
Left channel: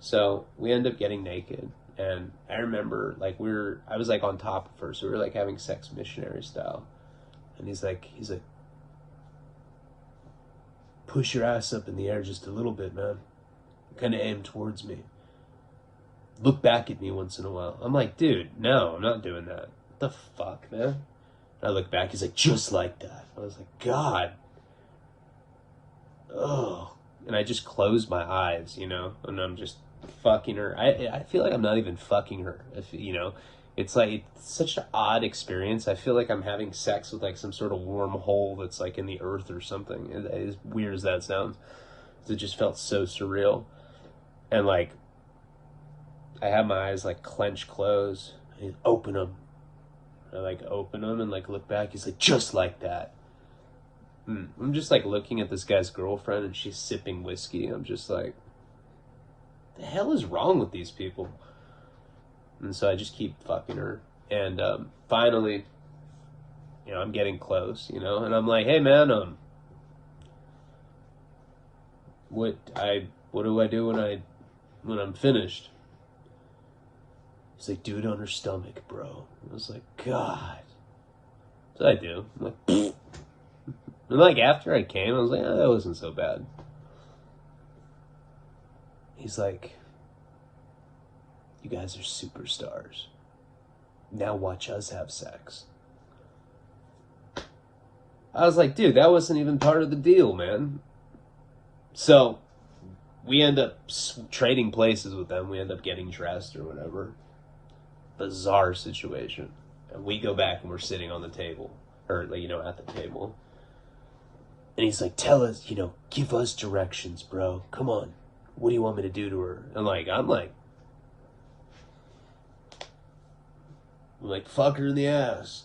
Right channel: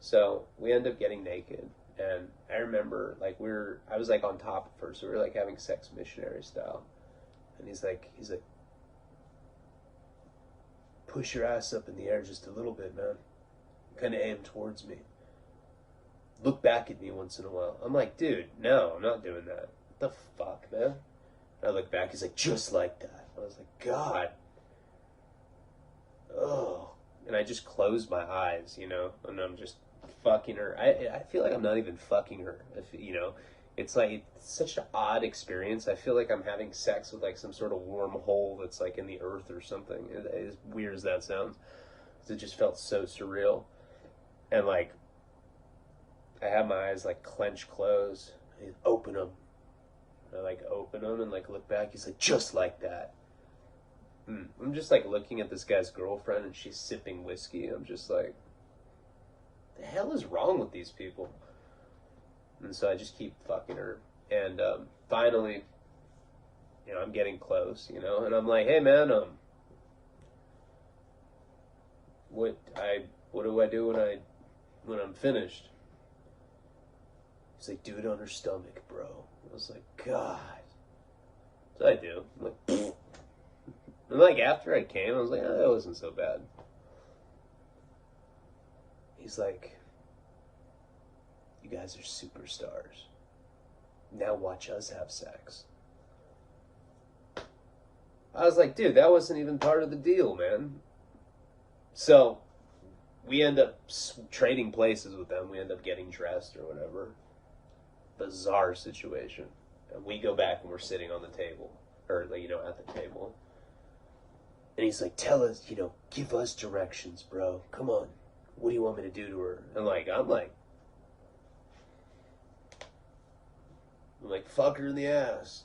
So we end up getting naked. And I remember, like, I was, like, on top of her, so we were, like, having sex missionary style. And he's like, push your ass up in the air just a little bit, man. Kind of aim towards me. Look back at me once in a while. I'm like, dude, no, I'm not doing that. What the fuck, man? And I look back, he's like, just like that. I was like, God. Oh. And I just closed my eyes, you know, and I'm just fucking her. I feel like I'm not even fucking her, you know. It's like, it's such an odd experience. I feel like I'm having sex with like some sort of wormhole that's like in the earth or something. As weird as that sounds, it just felt so surreal. And like, I had my eyes like clenched closed. I open them. I like open them and like look back. He's like, just like that. I'm just like looking at this guy's girlfriend and she's sipping whiskey. I'm just like, the hell is wrong with these people? And so I just keep fucking her. And finally, you know, I'm getting close, you know, and I'm like, hey man, what do I do when I'm finished? He's like, do it on her stomach, bro. I was like, God. So I do. I'm like, pfft. And like after I came, I was like, oh, that wasn't so bad. He's like, you guys are superstars. Now watch us have sex. I was like, dude, that wasn't even part of the deal, man. So we end up trading places with them. We end up getting dressed or whatever. Bizarre situation. And we go back and we're sitting on the table, or like, you know, at the table. And he's like, tell us, you know, give us directions, bro. Come on. What do you want me to do to her? And like, I'm like, fuck her in the ass.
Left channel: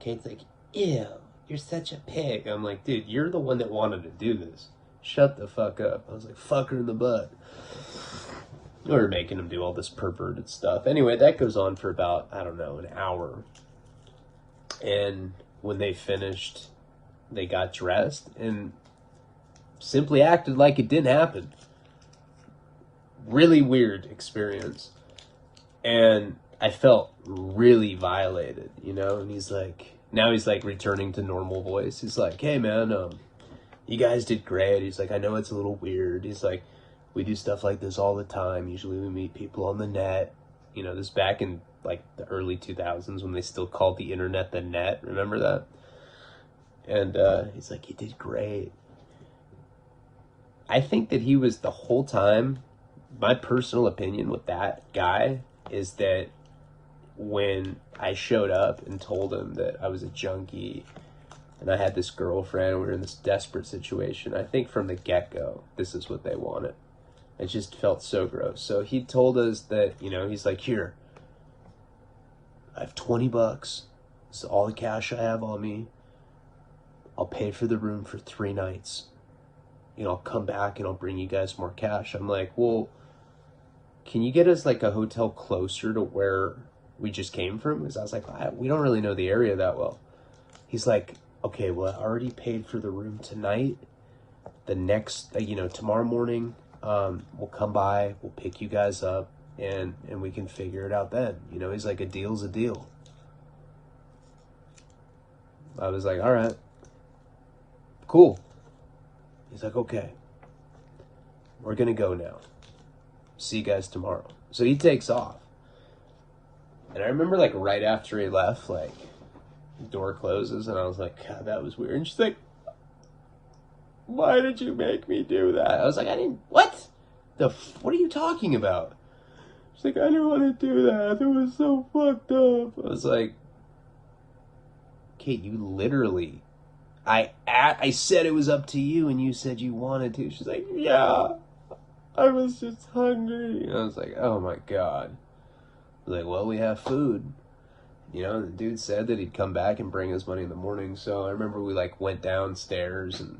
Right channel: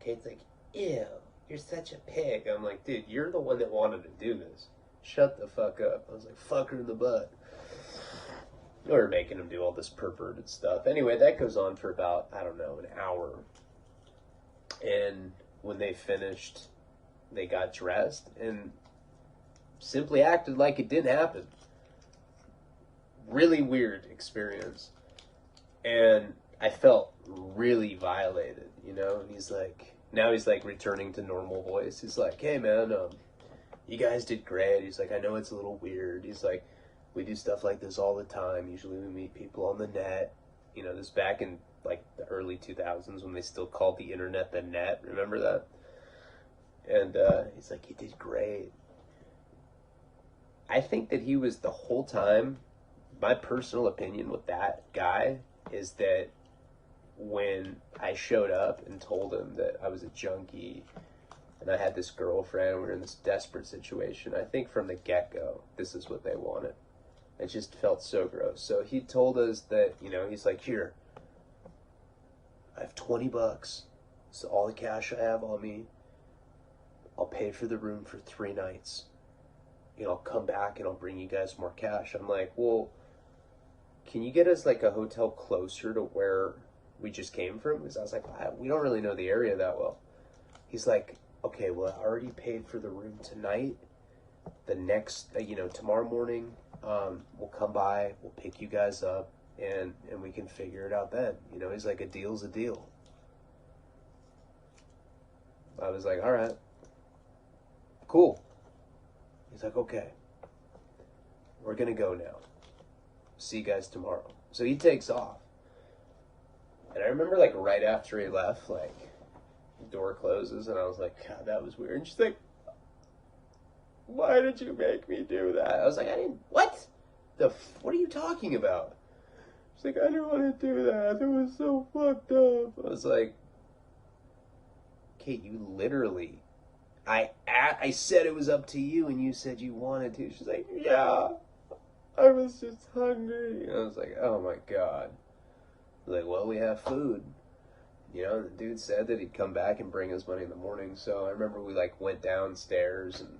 Kate's like, ew, you're such a pig. I'm like, dude, you're the one that wanted to do this. Shut the fuck up. I was like, fuck her in the butt. We were making him do all this perverted stuff. Anyway, that goes on for about, I don't know, an hour. And when they finished, they got dressed and simply acted like it didn't happen. Really weird experience. And I felt really violated, you know? And he's like, now he's like returning to normal voice. He's like, hey man, you guys did great. He's like, I know it's a little weird. He's like, we do stuff like this all the time. Usually we meet people on the net. You know, this back in like the early 2000s when they still called the internet the net. Remember that? And he's like, you did great. I think that he was the whole time, my personal opinion with that guy is that when I showed up and told him that I was a junkie and I had this girlfriend and we were in this desperate situation, I think from the get-go, this is what they wanted. It just felt so gross. So he told us that, you know, he's like, here, I have $20. This is all the cash I have on me. I'll pay for the room for 3 nights. You know, I'll come back and I'll bring you guys more cash. I'm like, well, can you get us like a hotel closer to where we just came from? Because I was like, we don't really know the area that well. He's like, okay, well, I already paid for the room tonight. The next, you know, tomorrow morning, we'll come by, we'll pick you guys up, and we can figure it out then. You know, he's like, a deal's a deal. I was like, all right, cool. He's like, okay, we're gonna go now. See you guys tomorrow. So he takes off. And I remember like right after he left, like the door closes and I was like, God, that was weird. And she's like, why did you make me do that? I was like, I didn't, what are you talking about? She's like, I didn't want to do that. It was so fucked up. I was like, Kate, you literally, I said it was up to you and you said you wanted to. She's like, yeah, I was just hungry. And I was like, oh my God. I was like, well, we have food. You know, and the dude said that he'd come back and bring us money in the morning. So I remember we like went downstairs and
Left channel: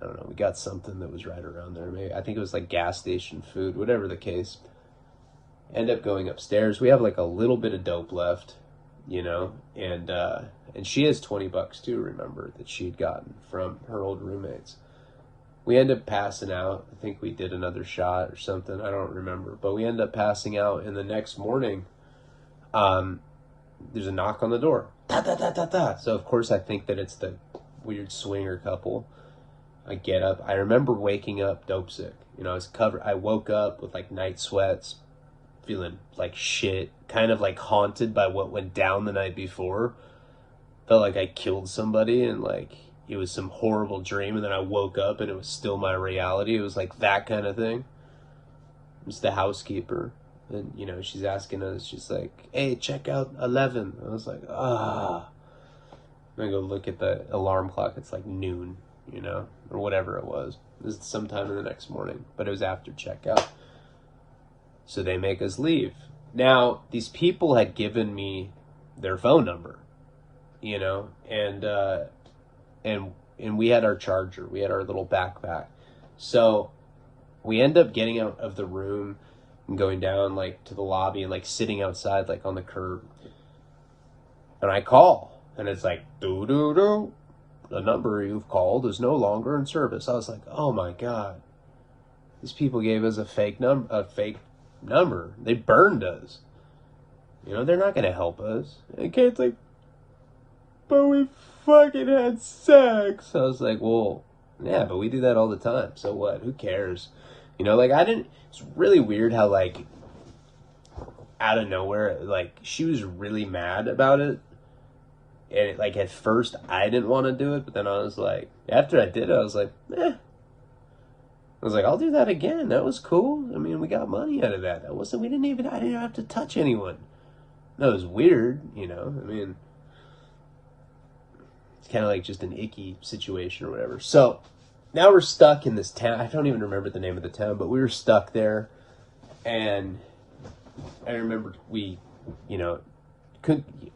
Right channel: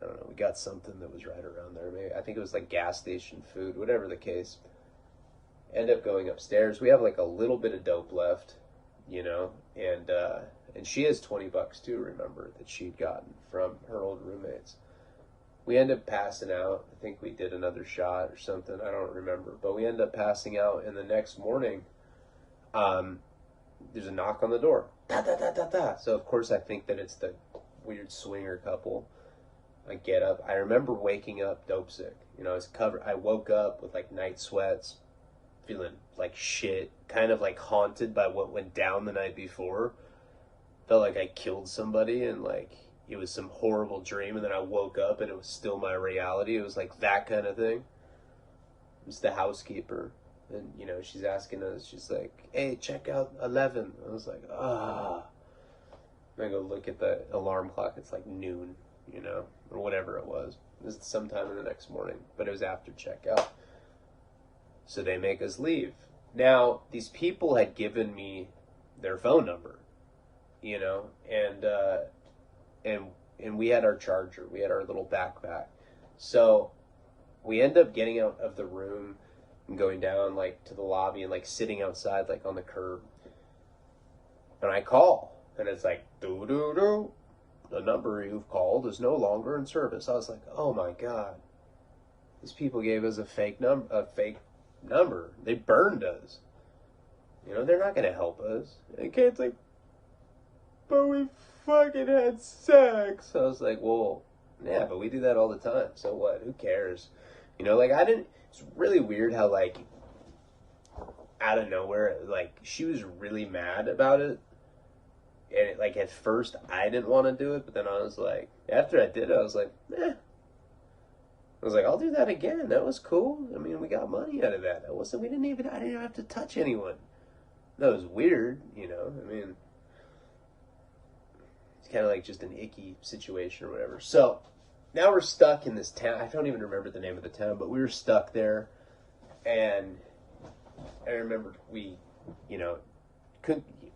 I don't know, we got something that was right around there. Maybe, I think it was like gas station food, whatever the case. End up going upstairs. We have like a little bit of dope left, you know, and she has $20 too, remember, that she'd gotten from her old roommates. we ended up passing out. I think we did another shot or something. I don't remember. But we ended up passing out, and the next morning, there's a knock on the door. Da, da, da, da, da. So, of course, I think that it's the weird swinger couple. I get up. I remember waking up dope sick. You know, I woke up with, like, night sweats, feeling like shit, kind of, like, haunted by what went down the night before. Felt like I killed somebody, and, like, it was some horrible dream, and then I woke up and it was still my reality. It was like that kind of thing. It's the housekeeper, and you know, she's asking us, she's like, hey, check out 11. I was like, ah. I go look at the alarm clock. It's like noon, you know, or whatever it was. It was sometime in the next morning, but it was after checkout. So they make us leave. Now, these people had given me their phone number, you know, and we had our charger. We had our little backpack. So we end up getting out of the room and going down, like, to the lobby and, like, sitting outside, like, on the curb. And I call, and it's like, doo-doo-doo. The number you've called is no longer in service. I was like, oh, my God. These people gave us a fake number. They burned us. You know, they're not going to help us. And Kate's like, but we fucking had sex. I was like, well, yeah, but we do that all the time. So what? Who cares? You know, like, it's really weird how, like, out of nowhere, like, she was really mad about it. And, like, at first, I didn't want to do it, but then I was like, after I did it, I was like, eh. I was like, I'll do that again. That was cool. I mean, we got money out of that. I didn't even have to touch anyone. That was weird, you know? I mean, it's kind of like just an icky situation or whatever. So now we're stuck in this town. I don't even remember the name of the town, but we were stuck there. And I remember we, you know,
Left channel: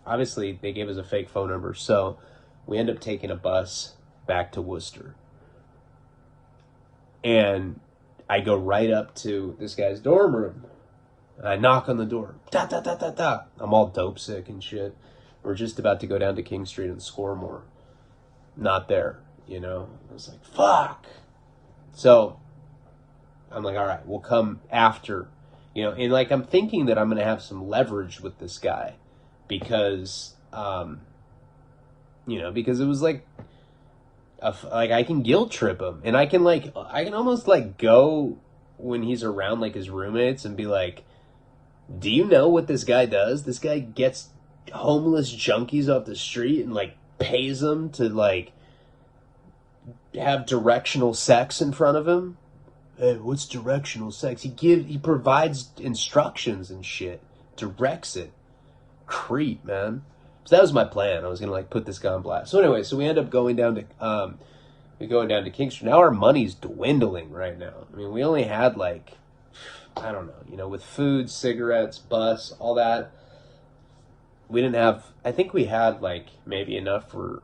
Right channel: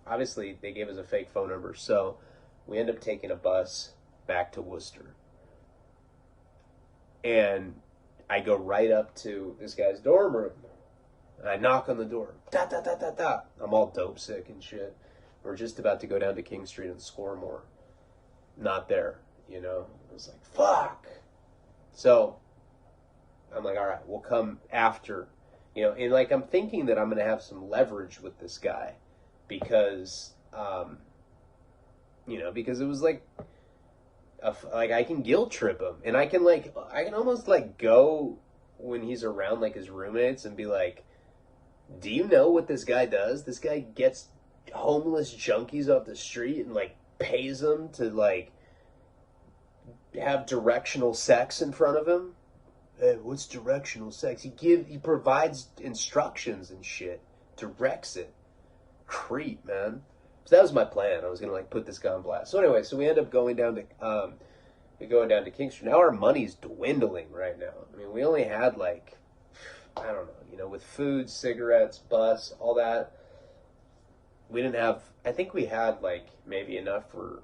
obviously they gave us a fake phone number. So we end up taking a bus back to Worcester. And I go right up to this guy's dorm room. And I knock on the door. Da, da, da, da, da. I'm all dope sick and shit. We're just about to go down to King Street and score more. Not there, you know. I was like, fuck. So I'm like, all right, we'll come after, you know. And, like, I'm thinking that I'm going to have some leverage with this guy because, you know, because it was like I can guilt trip him, and I can almost, like, go when he's around, like, his roommates and be like, do you know what this guy does? This guy gets homeless junkies off the street and, like, pays them to, like, have directional sex in front of him. Hey, what's directional sex? He provides instructions and shit, directs it. Creep, man. So that was my plan. I was gonna, like, put this guy on blast. So anyway, so we end up going down to King Street. Now our money's dwindling right now. I mean, we only had, like, I don't know, you know, with food, cigarettes, bus, all that. We didn't have, I think we had, like, maybe enough for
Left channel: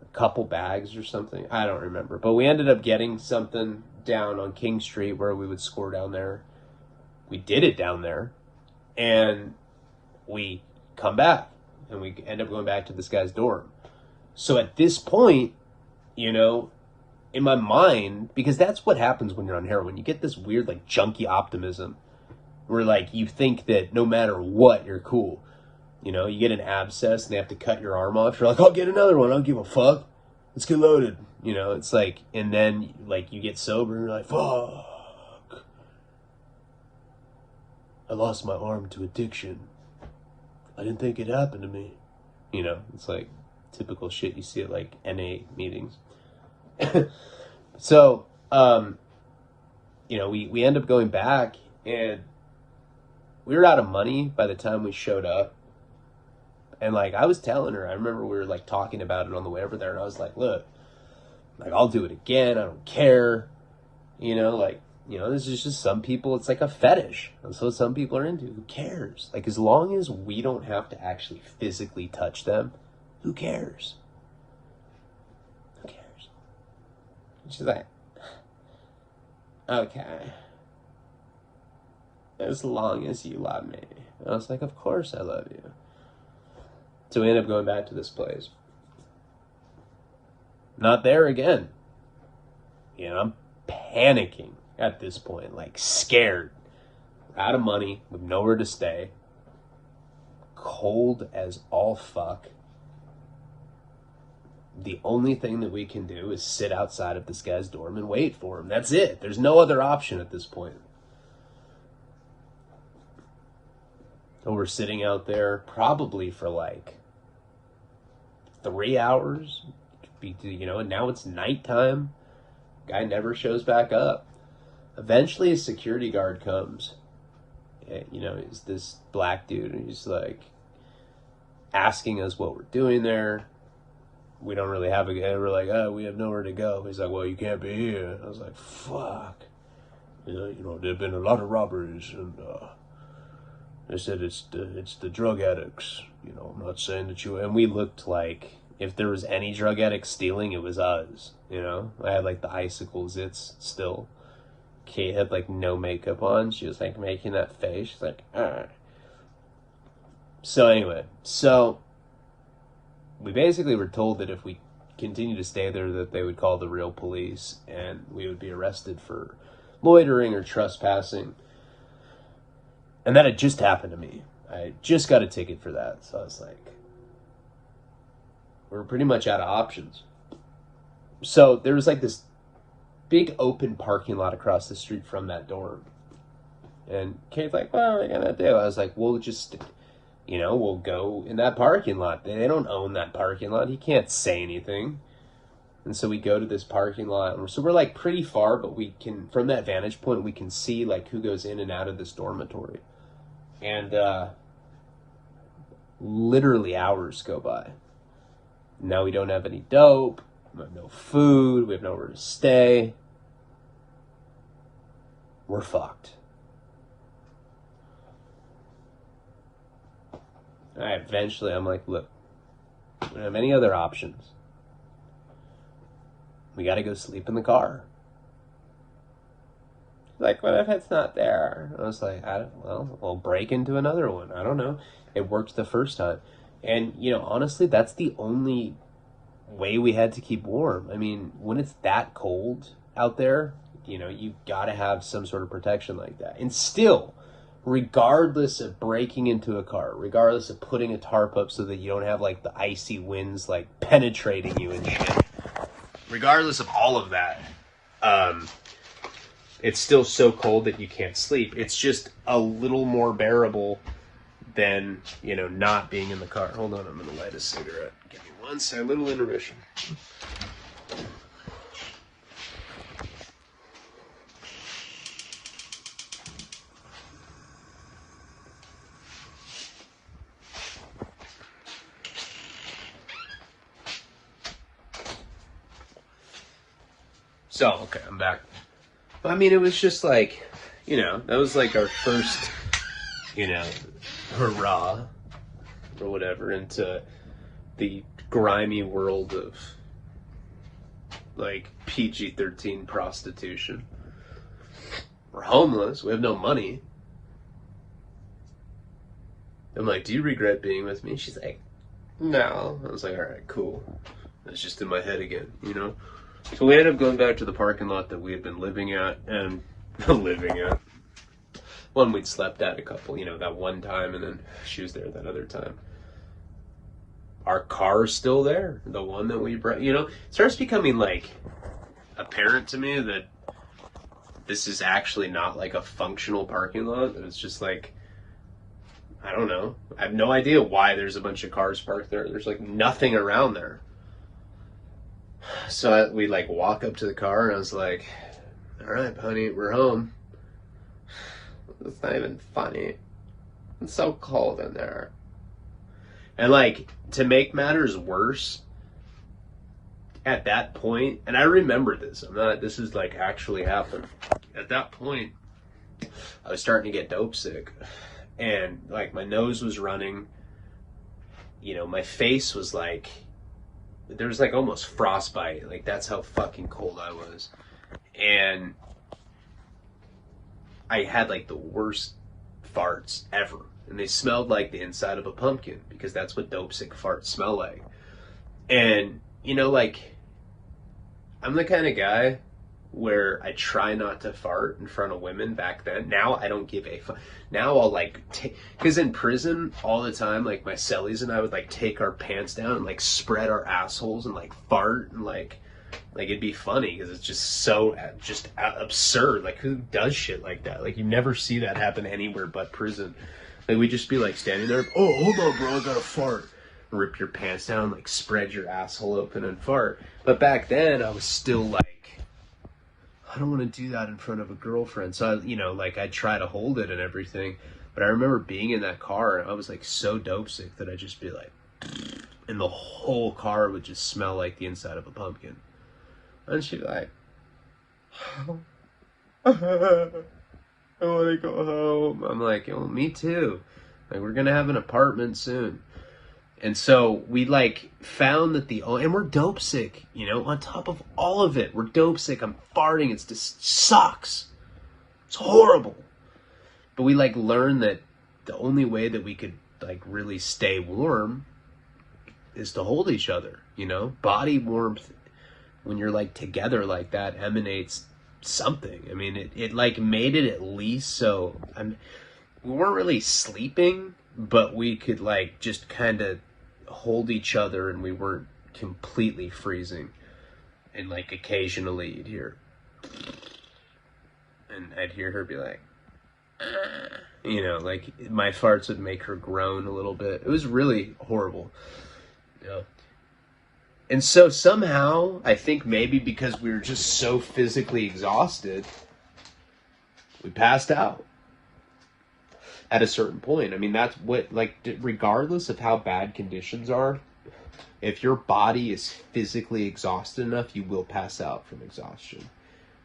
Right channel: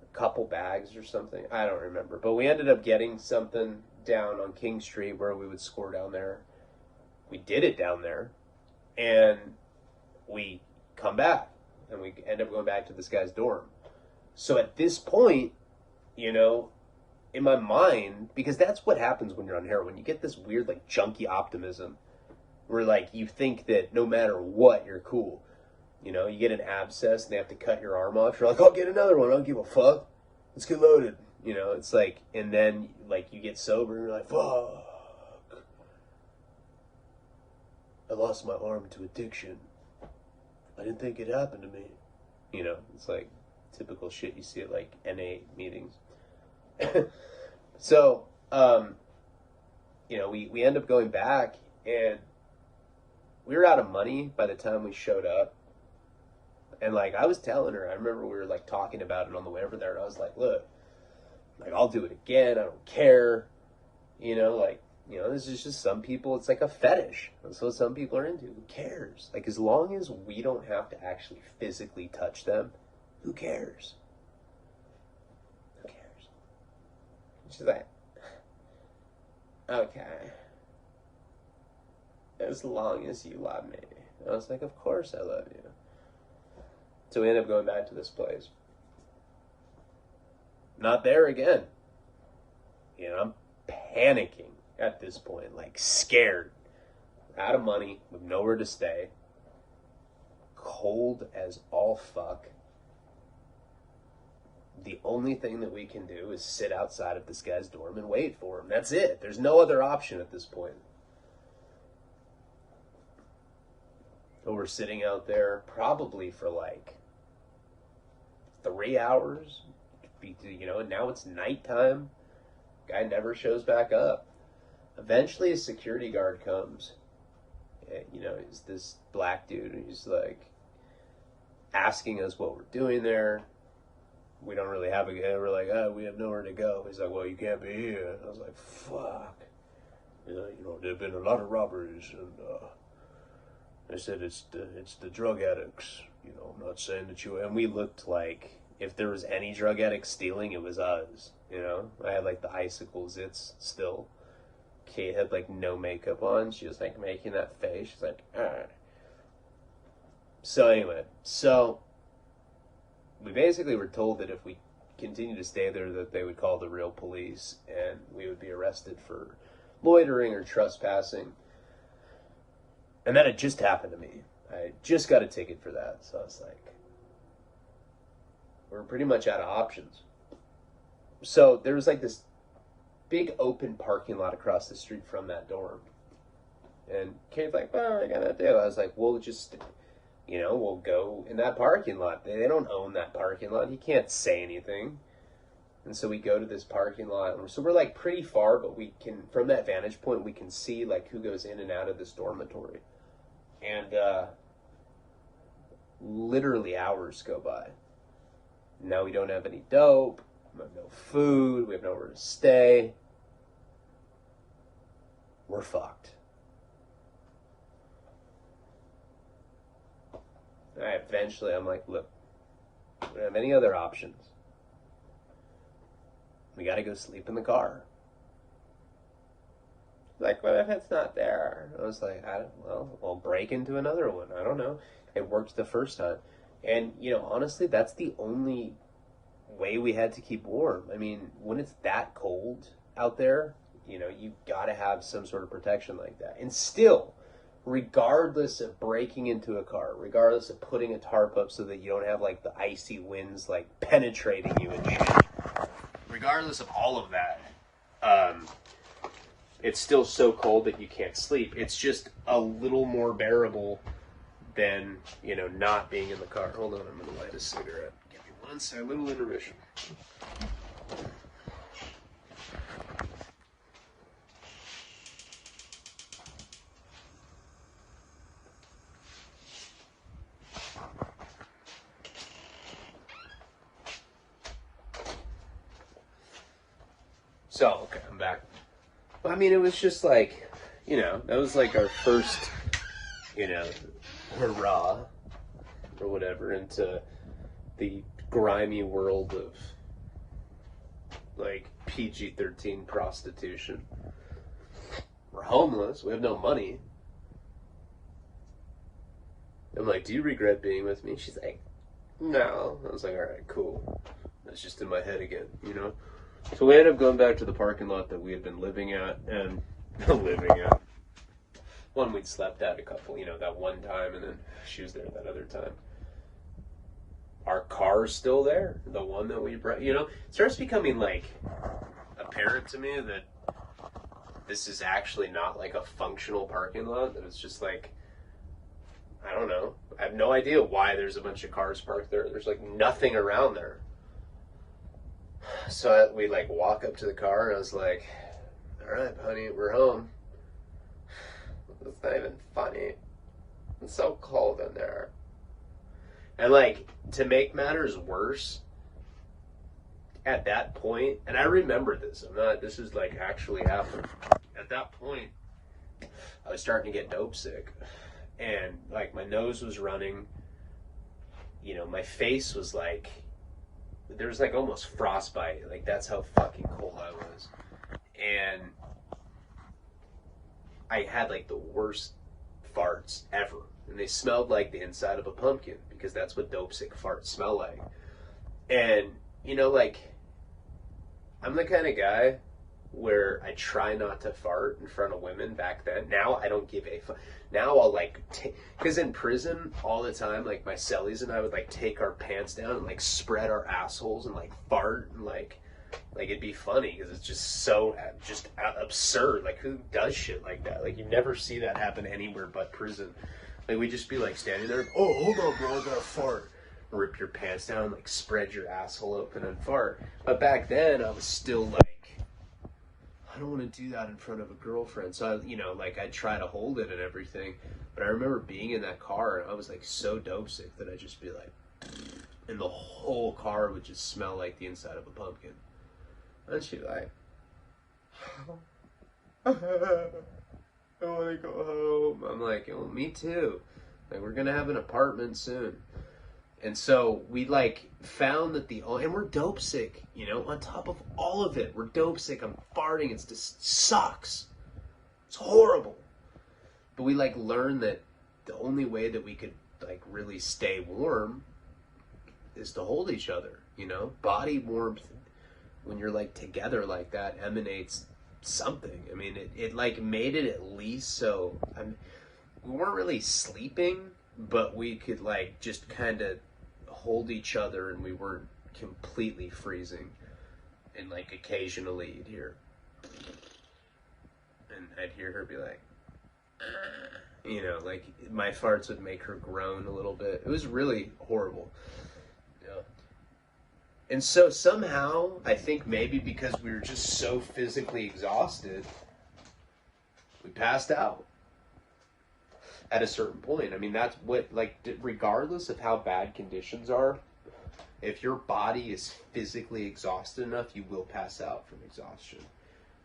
a couple bags or something. I don't remember. But we ended up getting something down on King Street where we would score down there. We did it down there. And we come back. And we end up going back to this guy's dorm. So at this point, you know, in my mind, because that's what happens when you're on heroin. You get this weird, like, junkie optimism where, like, you think that no matter what, you're cool. You know, you get an abscess and they have to cut your arm off. You're like, I'll get another one. I don't give a fuck. Let's get loaded. You know, it's like, and then, like, you get sober and you're like, fuck. I lost my arm to addiction. I didn't think it happened to me. You know, it's like typical shit you see at, like, NA meetings. So, you know, we end up going back, and we were out of money by the time we showed up. And, like, I was telling her, I remember we were, like, talking about it on the way over there, and I was like, look, like, I'll do it again. I don't care. You know, like, you know, this is just some people, it's like a fetish. That's what some people are into. Who cares? Like, as long as we don't have to actually physically touch them, who cares? She's like, okay, as long as you love me. And I was like, of course I love you. So we ended up going back to this place. Not there again. You know, I'm panicking at this point, like scared. We're out of money, with nowhere to stay, cold as all fuck. The only thing that we can do is sit outside of this guy's dorm and wait for him. That's it. There's no other option at this point. So we're sitting out there probably for like 3 hours. You know, and now it's nighttime. Guy never shows back up. Eventually a security guard comes. You know, he's this black dude, and he's like asking us what we're doing there. We don't really have we're like, oh, we have nowhere to go. He's like, well, you can't be here. I was like, fuck. You know, there have been a lot of robberies, and they said it's the drug addicts. You know, I'm not saying that you. And we looked like if there was any drug addict stealing, it was us. You know, I had like the icicle zits still. Kate had like no makeup on. She was like making that face. She's like, ah. So anyway, we basically were told that if we continued to stay there, that they would call the real police and we would be arrested for loitering or trespassing. And that had just happened to me. I just got a ticket for that. So I was like, we're pretty much out of options. So there was like this big open parking lot across the street from that dorm. And Kate's like, well, what are we gonna do? I was like, we'll just... You know, we'll go in that parking lot. They don't own that parking lot. He can't say anything. And so we go to this parking lot. So we're like pretty far, but we can, from that vantage point, we can see like who goes in and out of this dormitory. And literally hours go by. Now we don't have any dope. We have no food. We have nowhere to stay. We're fucked. Eventually, I'm like, look, we don't have any other options. We got to go sleep in the car. Like, what if it's not there? I was like, well, we'll break into another one. I don't know. It worked the first time. And, you know, honestly, that's the only way we had to keep warm. I mean, when it's that cold out there, you know, you got to have some sort of protection like that. And still... regardless of breaking into a car, regardless of putting a tarp up so that you don't have like the icy winds like penetrating you and shit, regardless of all of that, it's still so cold that you can't sleep. It's just a little more bearable than, you know, not being in the car. Hold on, I'm gonna light a cigarette. Give me one second, little intermission. So, okay, I'm back. I mean, it was just like, you know, that was like our first, you know, hurrah, or whatever, into the grimy world of, like, PG-13 prostitution. We're homeless, we have no money. I'm like, do you regret being with me? She's like, no. I was like, alright, cool. That's just in my head again, you know? So we ended up going back to the parking lot that we had been living at, and one we'd slept at a couple, you know, that one time, and then she was there that other time. Our car's still there, the one that we brought, you know, it starts becoming like apparent to me that this is actually not like a functional parking lot, that it's just like, I don't know, I have no idea why there's a bunch of cars parked there. There's like nothing around there. So we like walk up to the car, and I was like, all right, honey, we're home. It's not even funny. It's so cold in there. And like, to make matters worse, at that point, and I remember this, this is like actually happened. At that point, I was starting to get dope sick. And like my nose was running, you know, my face was like, there was like almost frostbite. Like that's how fucking cold I was. And I had like the worst farts ever. And they smelled like the inside of a pumpkin, because that's what dope sick farts smell like. And, you know, like, I'm the kind of guy where I try not to fart in front of women back then. Now I don't give a fuck. Now I'll like because in prison all the time, like my cellies and I would like take our pants down and like spread our assholes and like fart and like it'd be funny because it's just so just absurd. Like who does shit like that? Like you never see that happen anywhere but prison. Like we'd just be like standing there. Oh, hold on, bro, I gotta fart. Rip your pants down, like spread your asshole open and fart. But back then I was still like, I don't want to do that in front of a girlfriend. So I, like I'd try to hold it and everything. But I remember being in that car and I was like so dope sick that I'd just be like, and the whole car would just smell like the inside of a pumpkin. And she'd be like, I want to go home. I'm like, oh, me too. Like we're gonna have an apartment soon. And so we like found that and we're dope sick, on top of all of it, we're dope sick. I'm farting. It's just sucks. It's horrible. But we like learned that the only way that we could like really stay warm is to hold each other, body warmth when you're like together like that emanates something. I mean, it like made it at least so we weren't really sleeping, but we could like just kind of hold each other and we weren't completely freezing. And like occasionally you'd hear, and I'd hear her be like, like my farts would make her groan a little bit. It was really horrible. And so somehow, I think maybe because we were just so physically exhausted, we passed out at a certain point. I mean, that's what, like, regardless of how bad conditions are, if your body is physically exhausted enough, you will pass out from exhaustion.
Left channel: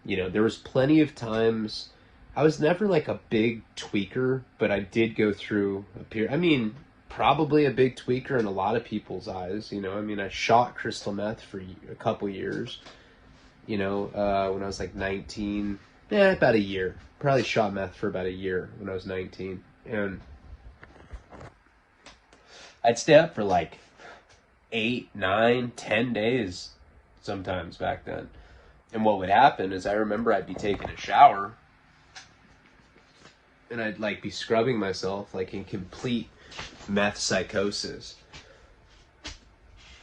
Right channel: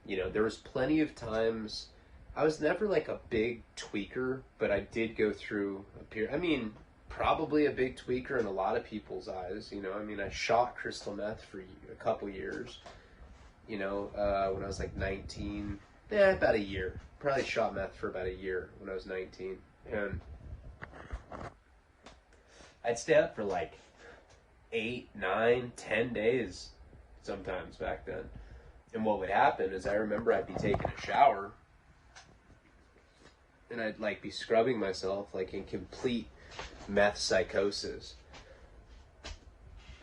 There was plenty of times, I was never like a big tweaker, but I did go through a period, probably a big tweaker in a lot of people's eyes. I shot crystal meth for a couple years, when I was like 19, about a year. Probably shot meth for about a year when I was 19. And I'd stay up for like 8, 9, 10 days sometimes back then. And what would happen is I remember I'd be taking a shower and I'd like be scrubbing myself like in complete meth psychosis.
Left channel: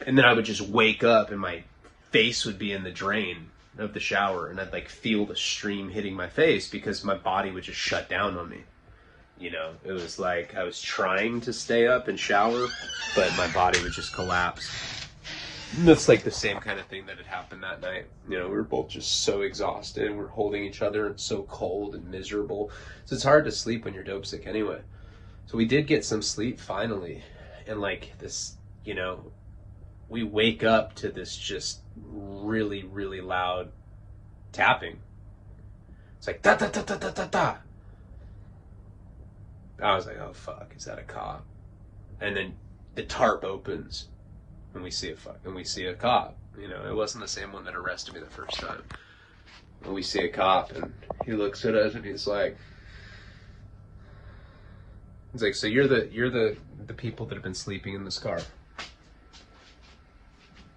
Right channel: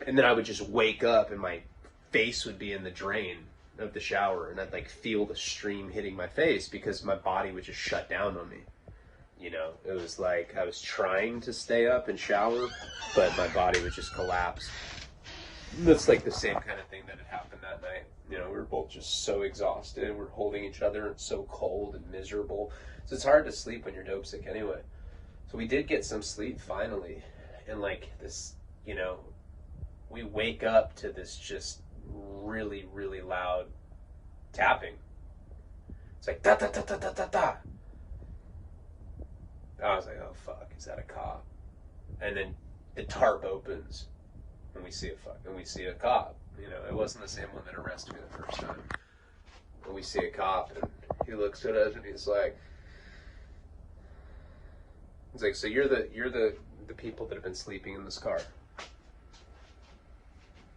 And then I would just wake up and my face would be in the drain of the shower and I'd like feel the stream hitting my face because my body would just shut down on me. It was like I was trying to stay up and shower, but my body would just collapse. And that's like the same kind of thing that had happened that night. We were both just so exhausted and we're holding each other and so cold and miserable. So it's hard to sleep when you're dope sick anyway. So we did get some sleep finally. And like this, we wake up to this just really, really loud tapping. It's like da da da da da da da. I was like, oh fuck, is that a cop? And then the tarp opens and we see a cop. It wasn't the same one that arrested me the first time. And we see a cop and he looks at us and he's like, so you're the people that have been sleeping in this car.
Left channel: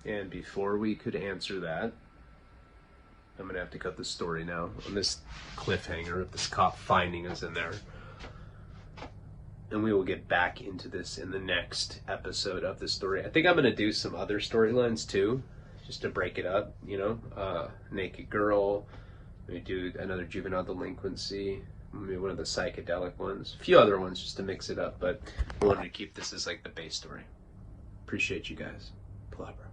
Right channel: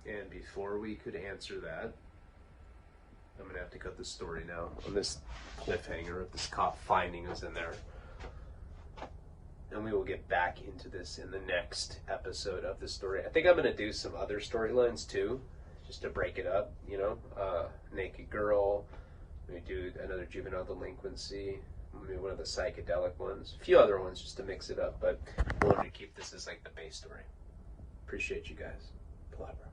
And before we could answer that, I'm gonna have to cut the story now on this cliffhanger of this cop finding us in there. And we will get back into this in the next episode of the story. I think I'm gonna do some other storylines too, just to break it up, naked girl, maybe do another juvenile delinquency, maybe one of the psychedelic ones, a few other ones just to mix it up, but I wanted to keep this as like the base story. Appreciate you guys. Palabra.